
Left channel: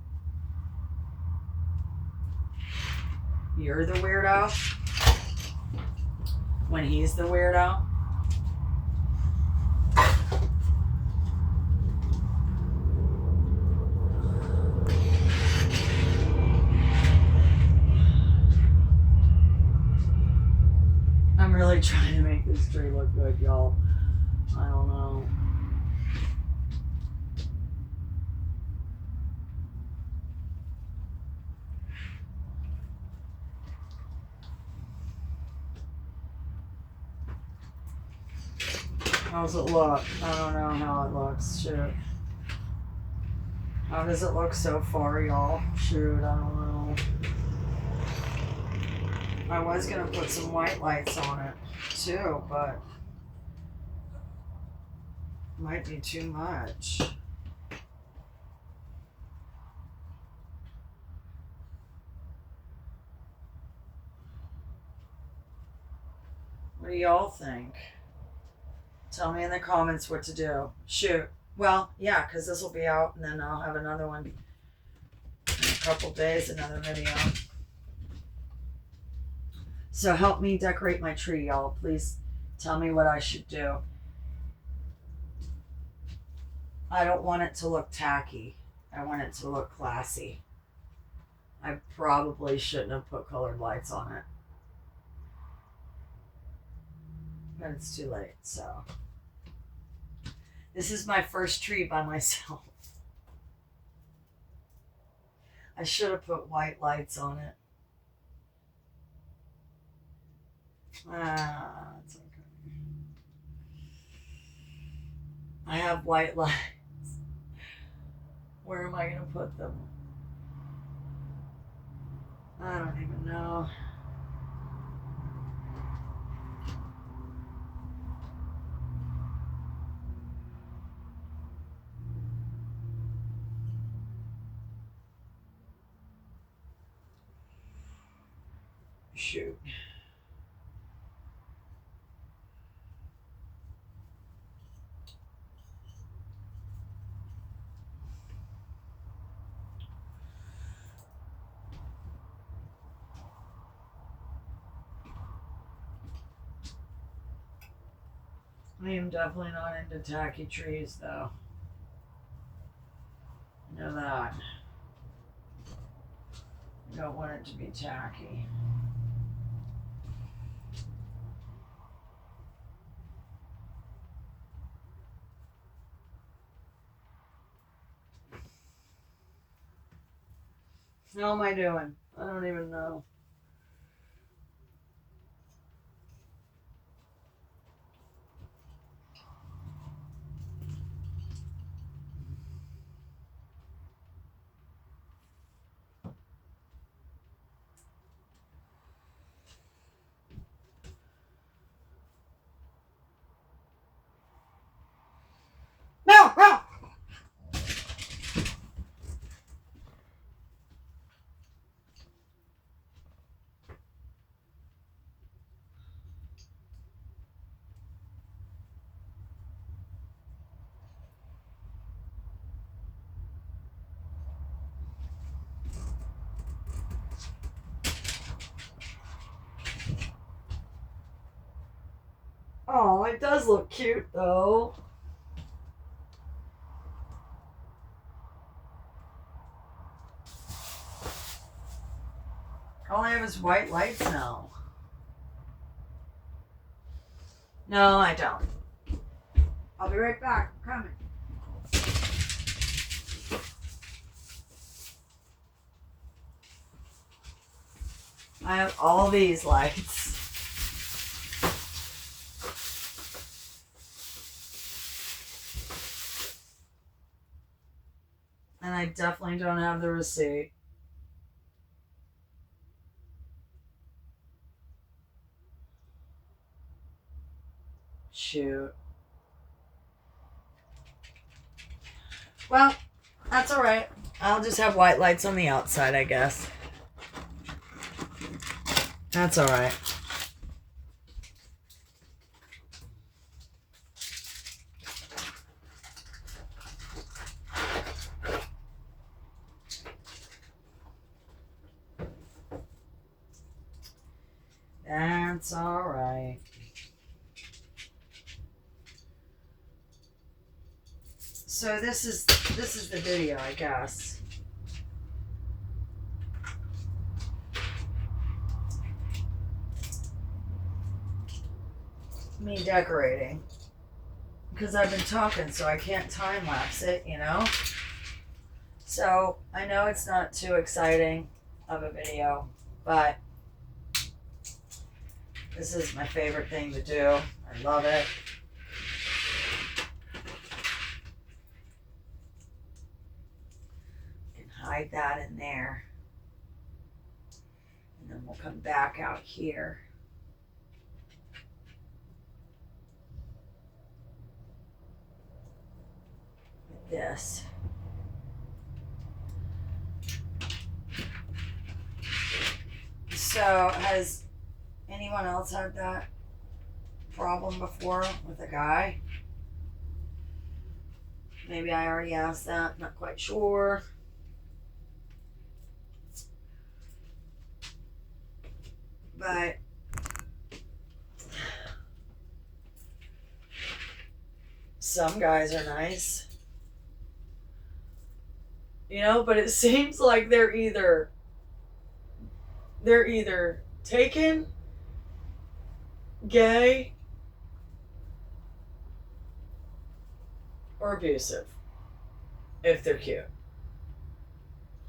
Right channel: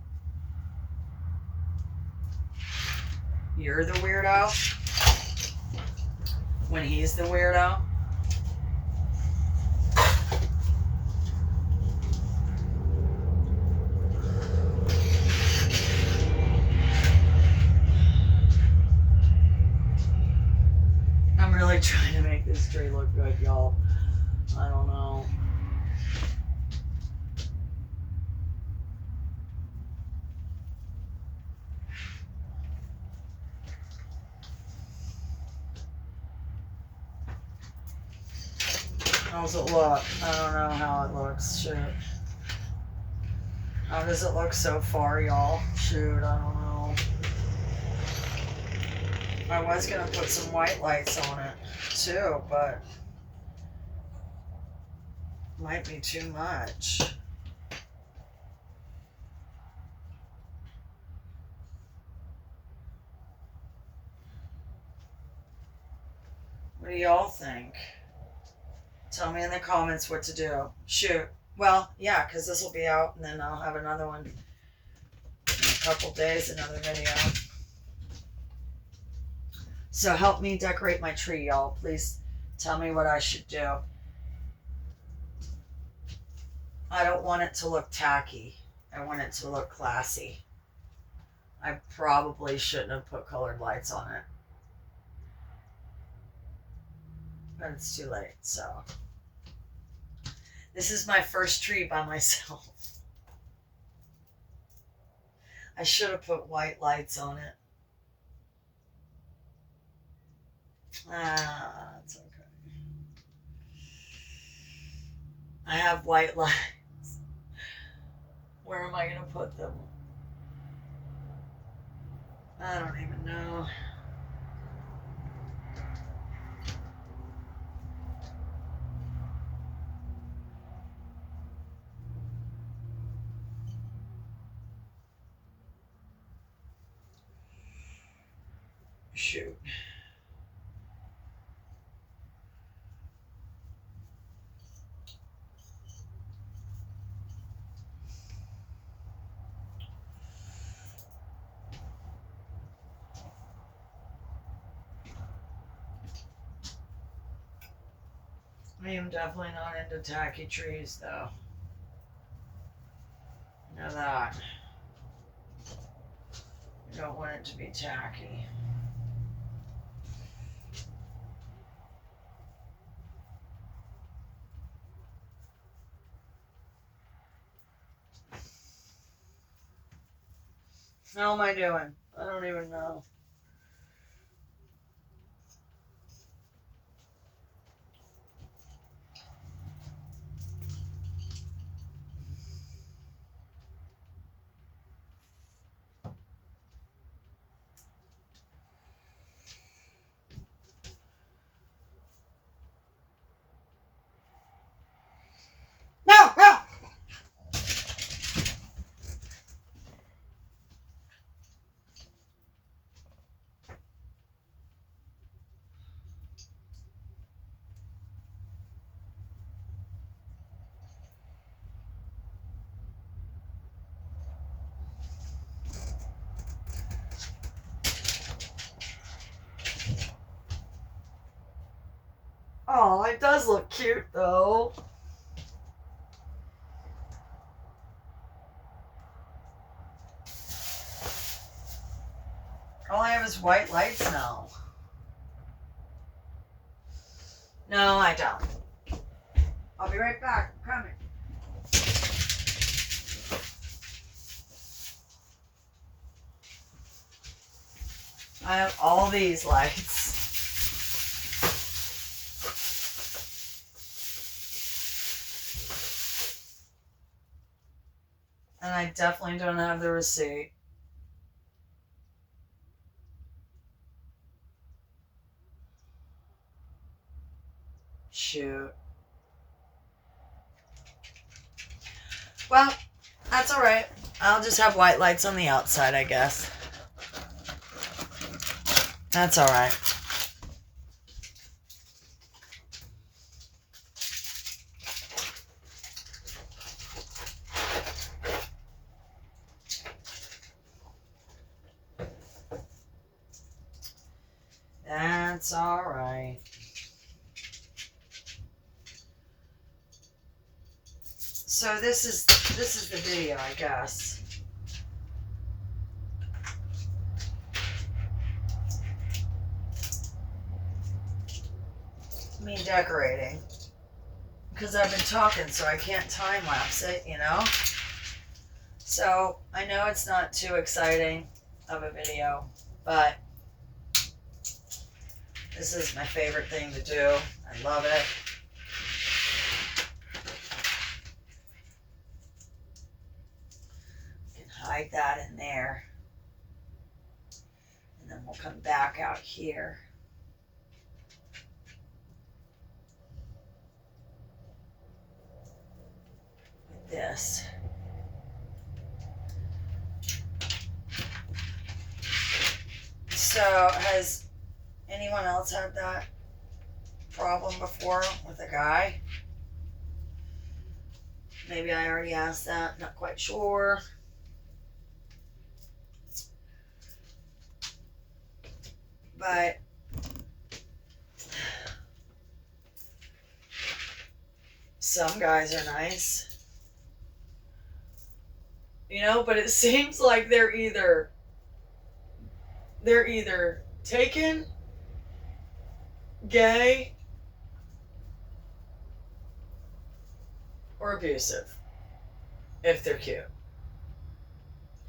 you're the weirdo when he's the weirdo? I'm really trying to make this tree look good, y'all. I don't know. How's it look? I don't know how it looks. Shoot. How does it look so far, y'all? Shoot, I don't know. I was going to put some white lights on it, too, but might be too much. What do y'all think? Tell me in the comments what to do. Shoot. Well, yeah, because this will be out, and then I'll have another one in a couple days, another video. So help me decorate my tree, y'all. Please tell me what I should do. I don't want it to look tacky. I want it to look classy. I probably shouldn't have put colored lights on it. But it's too late, so. This is my first tree by myself. I should have put white lights on it. It's okay. I have white lights. Where am I going to put them? I don't even know. Shoot. I am definitely not into tacky trees, though. You know that. You don't want it to be tacky. How am I doing? I don't even know. No! No! Oh, it does look cute, though. All I have is white lights now. No, I don't. I'll be right back. I'm coming. I have all these lights. And I definitely don't have the receipt. Shoot. Well, that's alright. I'll just have white lights on the outside, I guess. That's alright. That's alright. So this is the video, I guess. Me decorating. Because I've been talking, so I can't time lapse it, you know? So I know it's not too exciting of a video, but this is my favorite thing to do. I love it. You can hide that in there. And then we'll come back out here. With this. So has anyone else had that problem before with a guy? Maybe I already asked that, not quite sure. But some guys are nice. You know, but it seems like they're either taken, gay, or abusive if they're cute.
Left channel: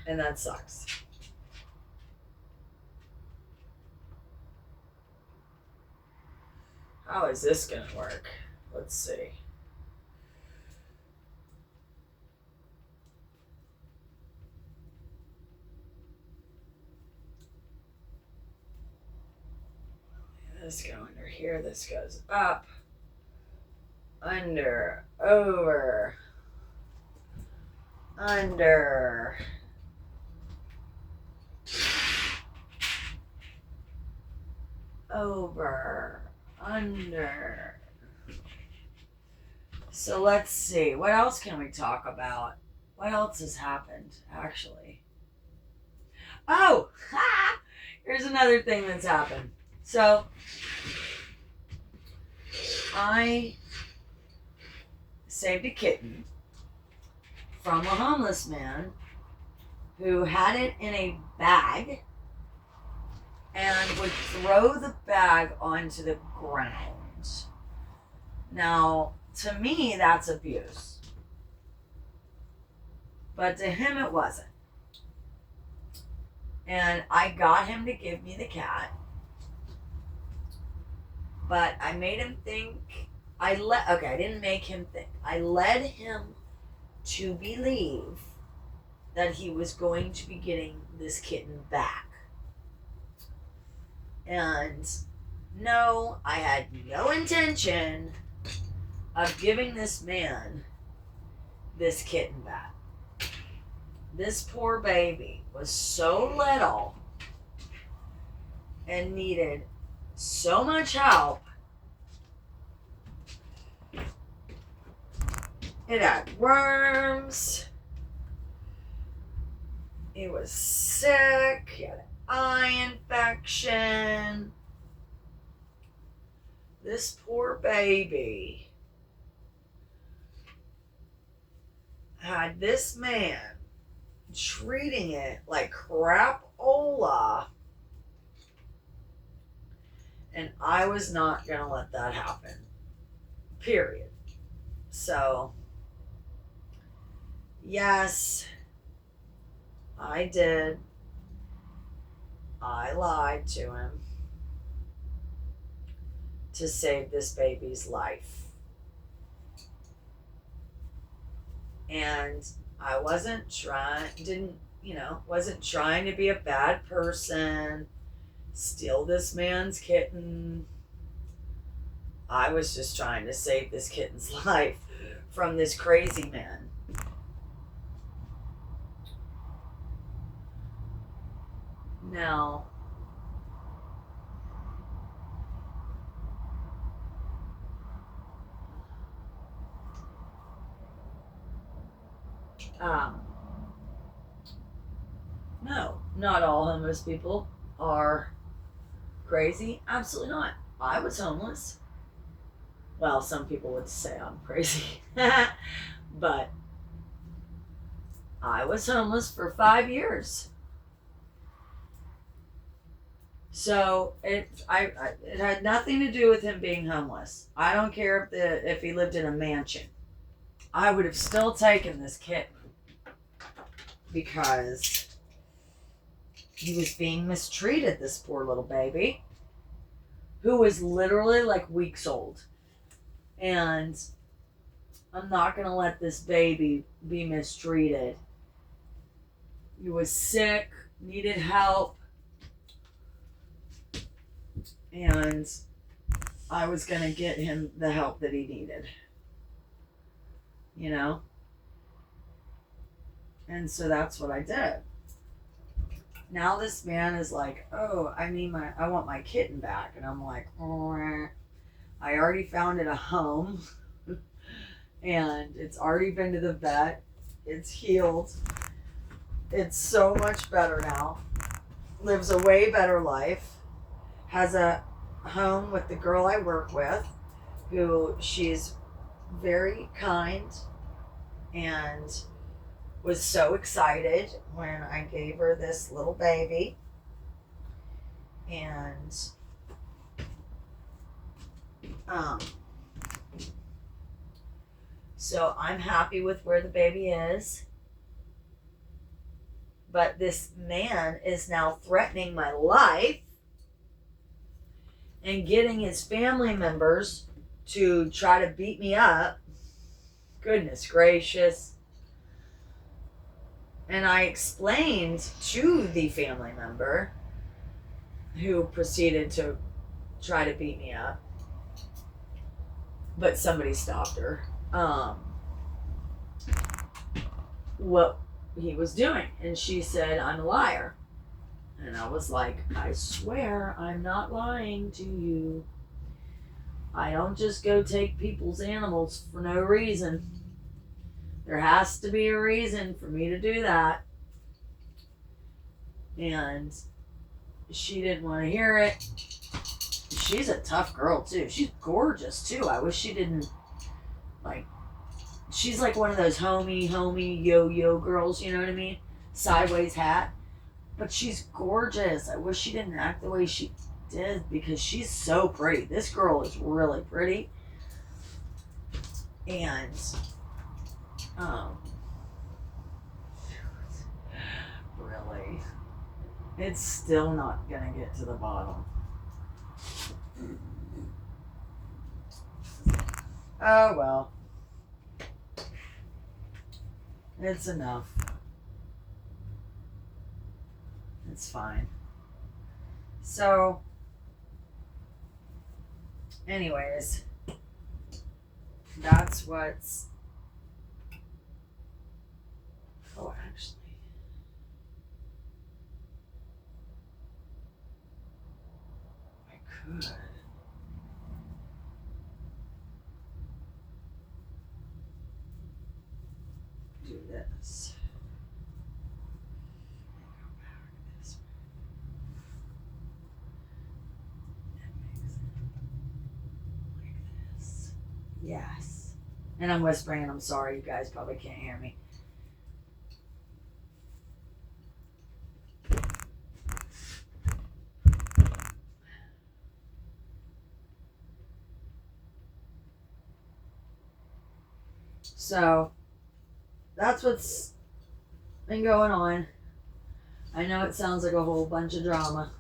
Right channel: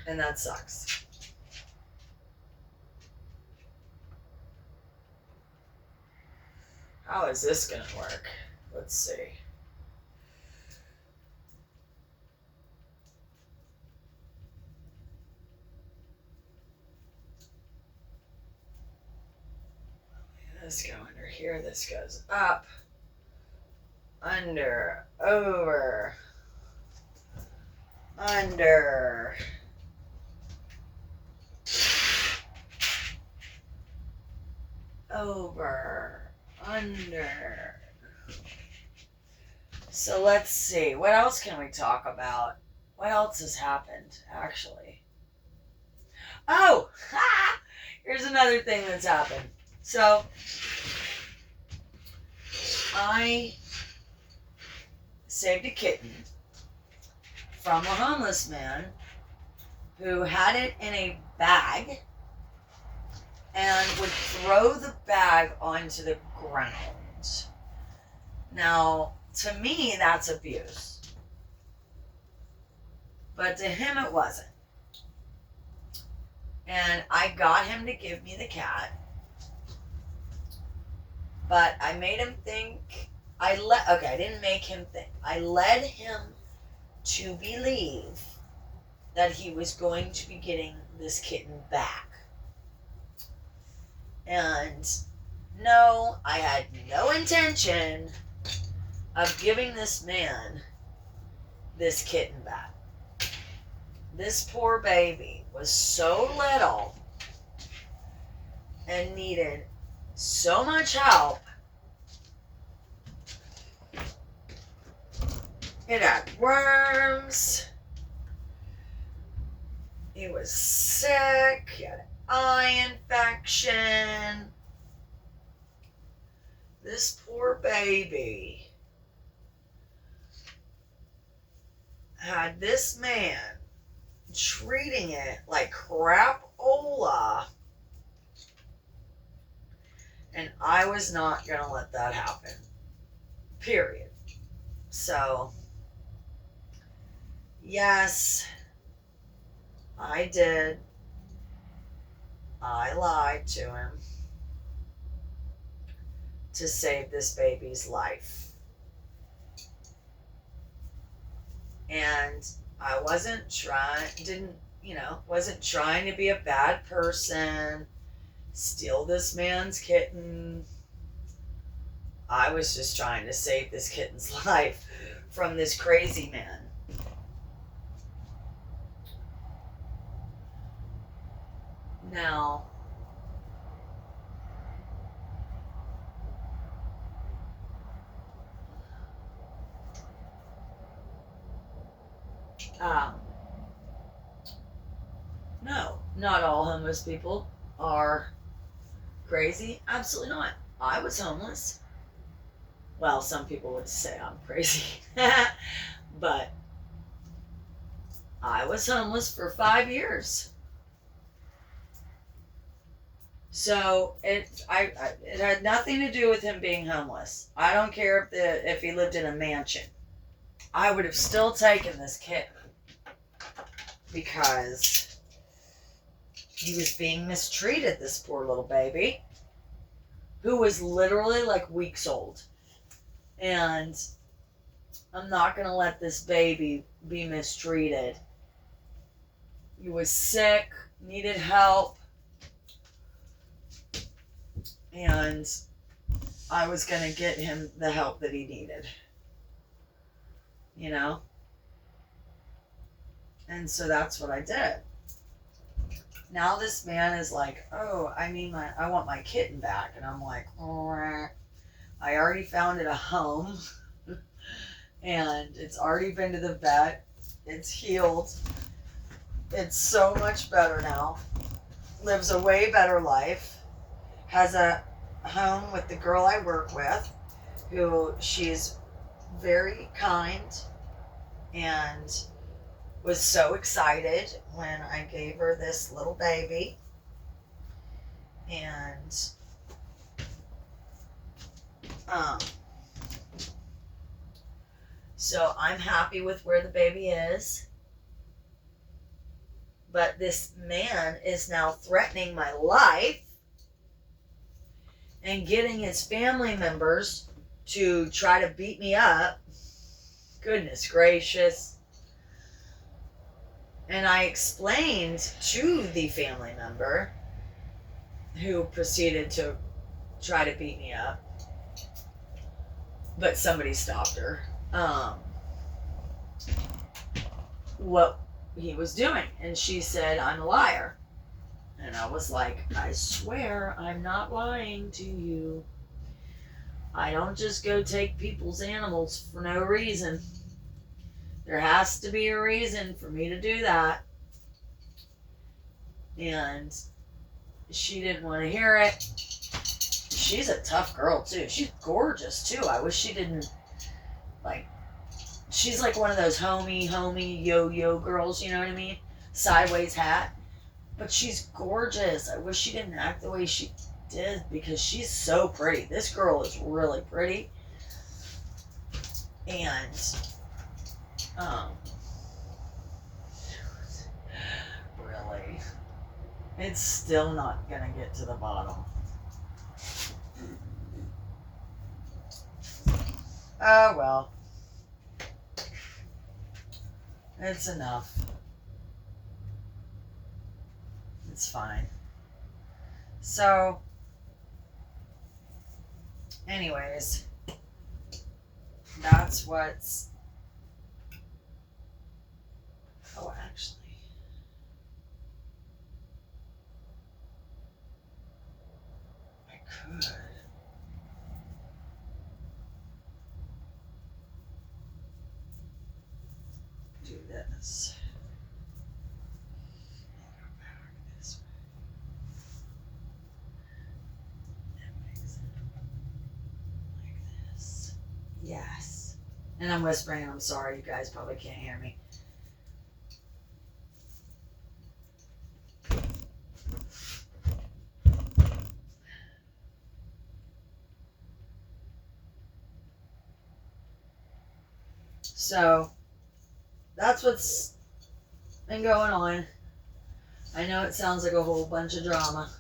And that sucks. How is this gonna work? Let's see. This go under here. This goes up, under, over, under. Over, under. So let's see. What else can we talk about? What else has happened, actually? Oh, here's another thing that's happened. So, I saved a kitten from a homeless man who had it in a bag and would throw the bag onto the ground. Now, to me, that's abuse. But to him, it wasn't. And I got him to give me the cat. But I made him think, I didn't make him think. I led him to believe that he was going to be getting this kitten back. And no, I had no intention of giving this man this kitten back. This poor baby was so little and needed so much help. It had worms. He was sick. He had an eye infection. This poor baby had this man treating it like crapola. And I was not going to let that happen. Period. So, yes, I did. I lied to him to save this baby's life. And I wasn't trying to be a bad person, steal this man's kitten. I was just trying to save this kitten's life from this crazy man. Now, no, not all homeless people are crazy. Absolutely not. I was homeless. Well, some people would say I'm crazy. But I was homeless for 5 years. So it had nothing to do with him being homeless. I don't care if he lived in a mansion. I would have still taken this kitten because he was being mistreated, this poor little baby, who was literally like weeks old. And I'm not going to let this baby be mistreated. He was sick, needed help, and I was going to get him the help that he needed. You know? And so that's what I did. Now this man is like, oh, I want my kitten back. And I'm like, oh, I already found it a home. And it's already been to the vet. It's healed. It's so much better now. Lives a way better life. Has a home with the girl I work with, who she's very kind and was so excited when I gave her this little baby. And so I'm happy with where the baby is. But this man is now threatening my life and getting his family members to try to beat me up. Goodness gracious. And I explained to the family member who proceeded to try to beat me up, but somebody stopped her, what he was doing. And she said, I'm a liar. And I was like, I swear I'm not lying to you. I don't just go take people's animals for no reason. There has to be a reason for me to do that. And she didn't want to hear it. She's a tough girl too. She's gorgeous too. I wish she didn't, like, she's like one of those homie yo-yo girls, you know what I mean? Sideways hat. But she's gorgeous. I wish she didn't act the way she did, because she's so pretty. This girl is really pretty. And really, it's still not gonna get to the bottom. Oh well, it's enough. It's fine. So, anyways, that's what's. Oh, actually. I could. Do this. Go back this way. That makes it like this. Yes. And I'm whispering, and I'm sorry, you guys probably can't hear me. So, that's what's been going on. I know it sounds like a whole bunch of drama.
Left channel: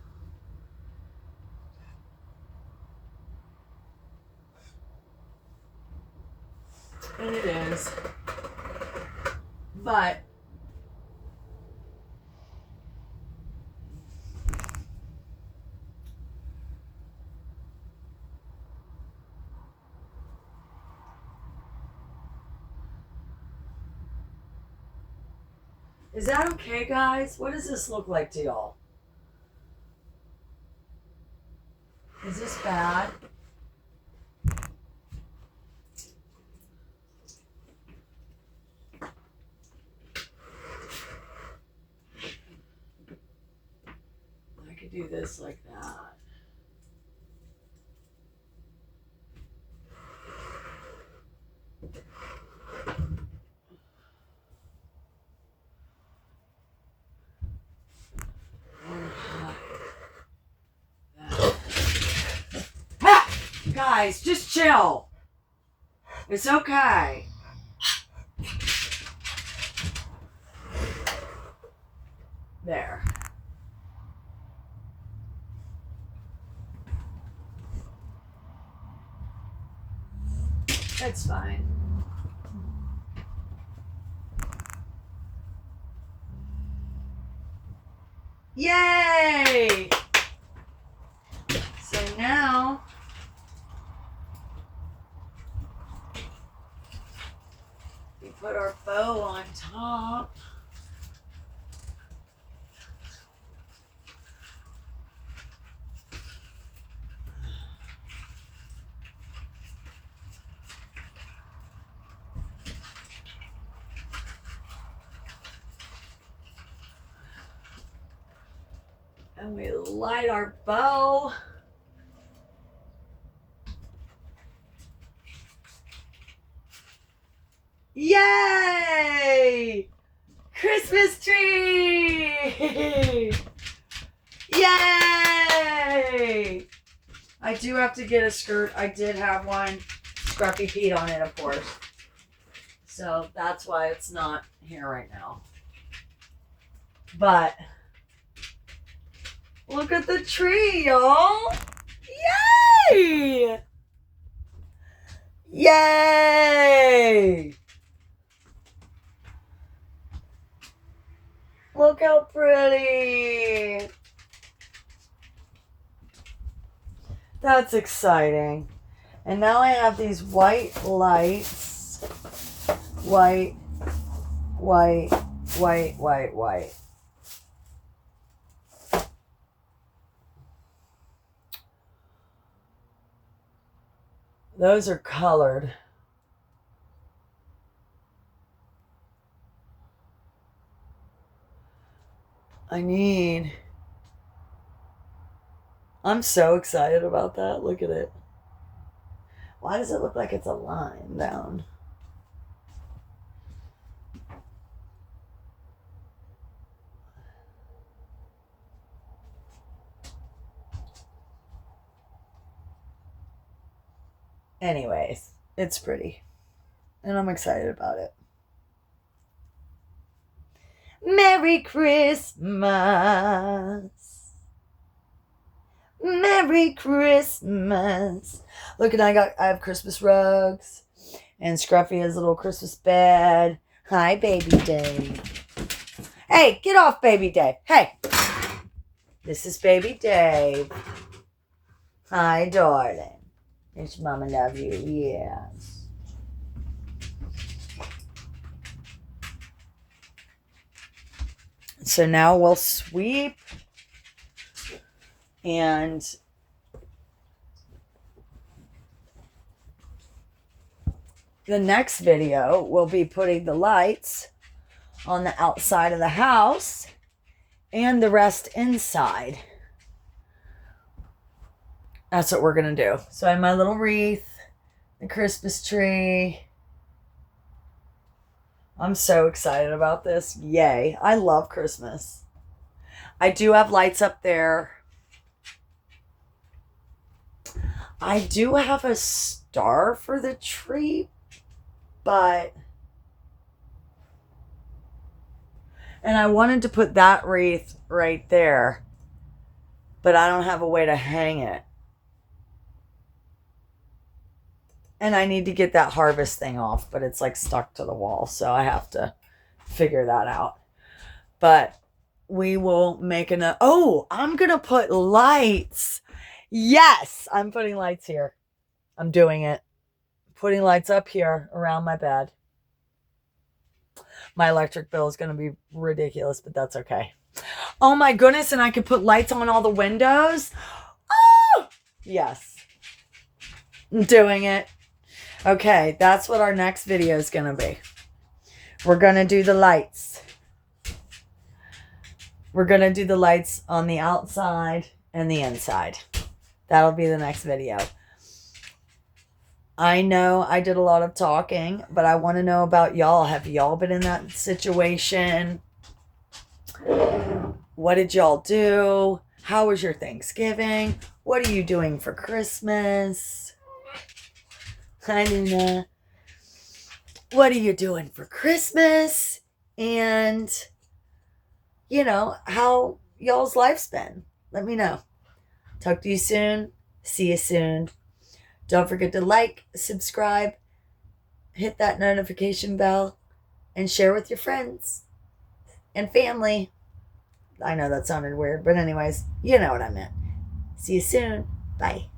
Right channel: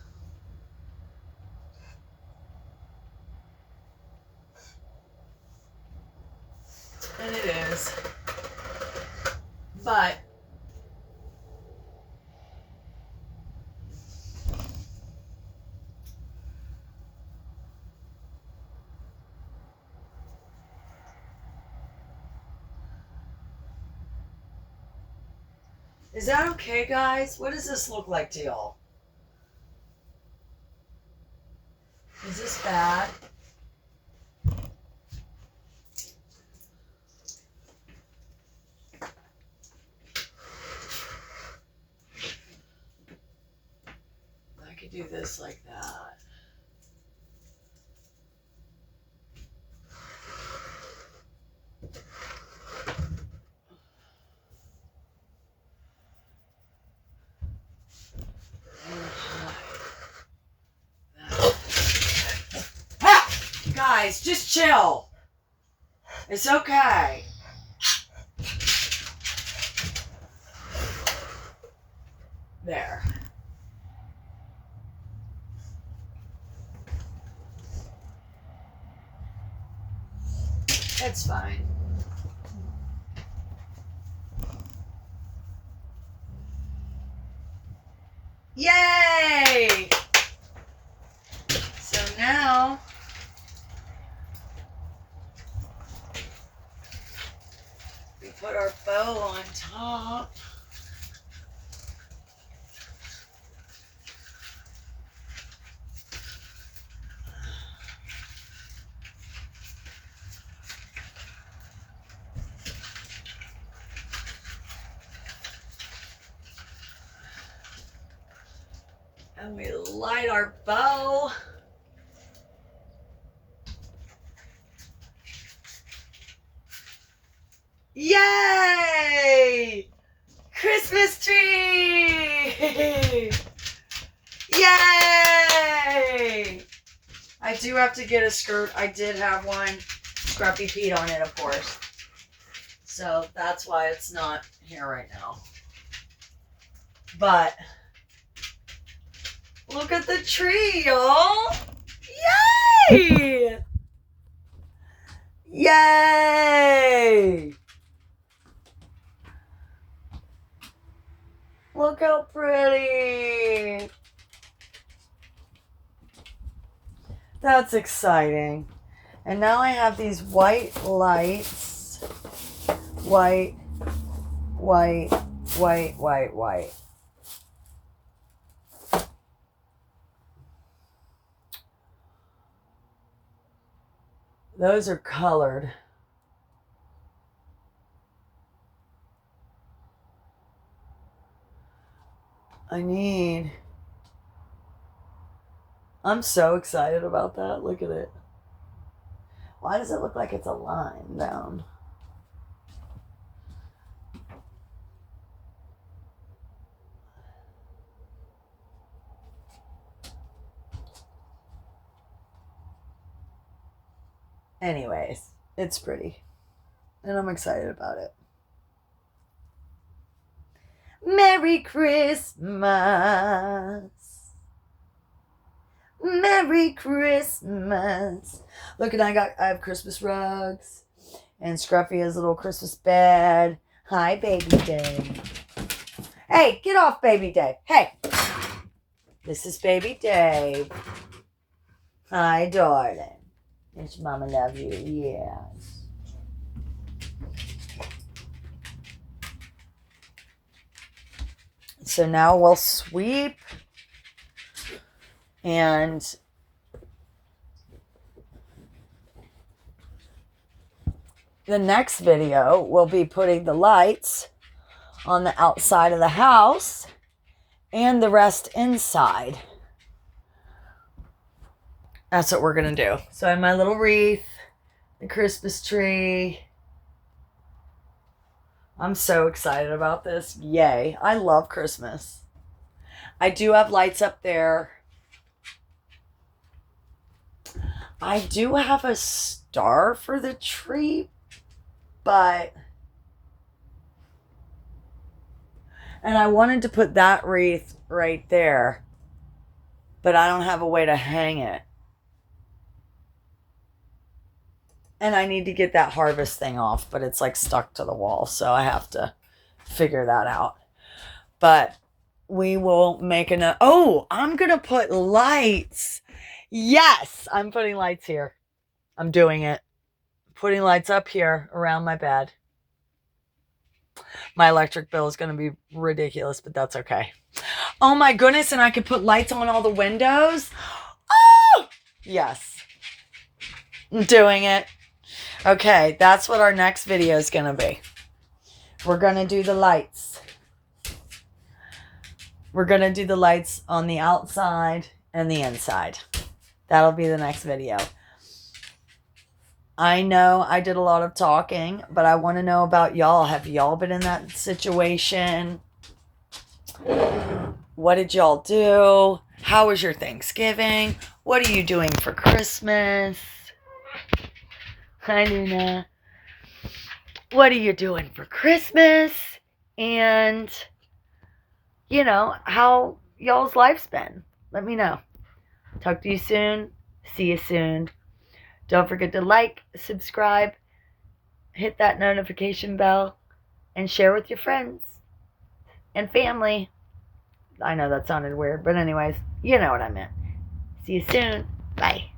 And it is. But is that okay, guys? What does this look like to y'all? Is this bad? I could do this like that. Guys, just chill. It's okay. There. It's fine. Yay! So now we put our bow on top. And we light our bow. Yay! Christmas tree! Yay! I do have to get a skirt. I did have one. Scruffy Pete on it, of course. So that's why it's not here right now. But look at the tree, y'all. Yay! Yay! Yay! Look how pretty. That's exciting. And now I have these white lights. White, white, white, white, white. Those are colored. I'm so excited about that. Look at it. Why does it look like it's a line down? Anyways, it's pretty. And I'm excited about it. Merry Christmas. Merry Christmas. Look, and I have Christmas rugs. And Scruffy has a little Christmas bed. Hi, Baby Dave. Hey, get off, Baby Dave. Hey. This is Baby Dave. Hi, darling. Yes, Mama love you. Yes. So now we'll sweep. And the next video will be putting the lights on the outside of the house and the rest inside. That's what we're going to do. So I have my little wreath, the Christmas tree. I'm so excited about this. Yay. I love Christmas. I do have lights up there. I do have a star for the tree, and I wanted to put that wreath right there, but I don't have a way to hang it. And I need to get that harvest thing off, but it's like stuck to the wall, so I have to figure that out. But we will make I'm going to put lights. Yes, I'm putting lights here. I'm doing it. Putting lights up here around my bed. My electric bill is going to be ridiculous, but that's okay. Oh my goodness, and I could put lights on all the windows. Oh, yes. I'm doing it. Okay, that's what our next video is going to be. We're going to do the lights. We're going to do the lights on the outside and the inside. That'll be the next video. I know I did a lot of talking, but I want to know about y'all. Have y'all been in that situation? What did y'all do? How was your Thanksgiving? What are you doing for Christmas? Hi, Luna. What are you doing for Christmas? And, how y'all's life's been. Let me know. Talk to you soon. See you soon. Don't forget to like, subscribe, hit that notification bell, and share with your friends and family. I know that sounded weird, but anyways, you know what I meant. See you soon. Bye.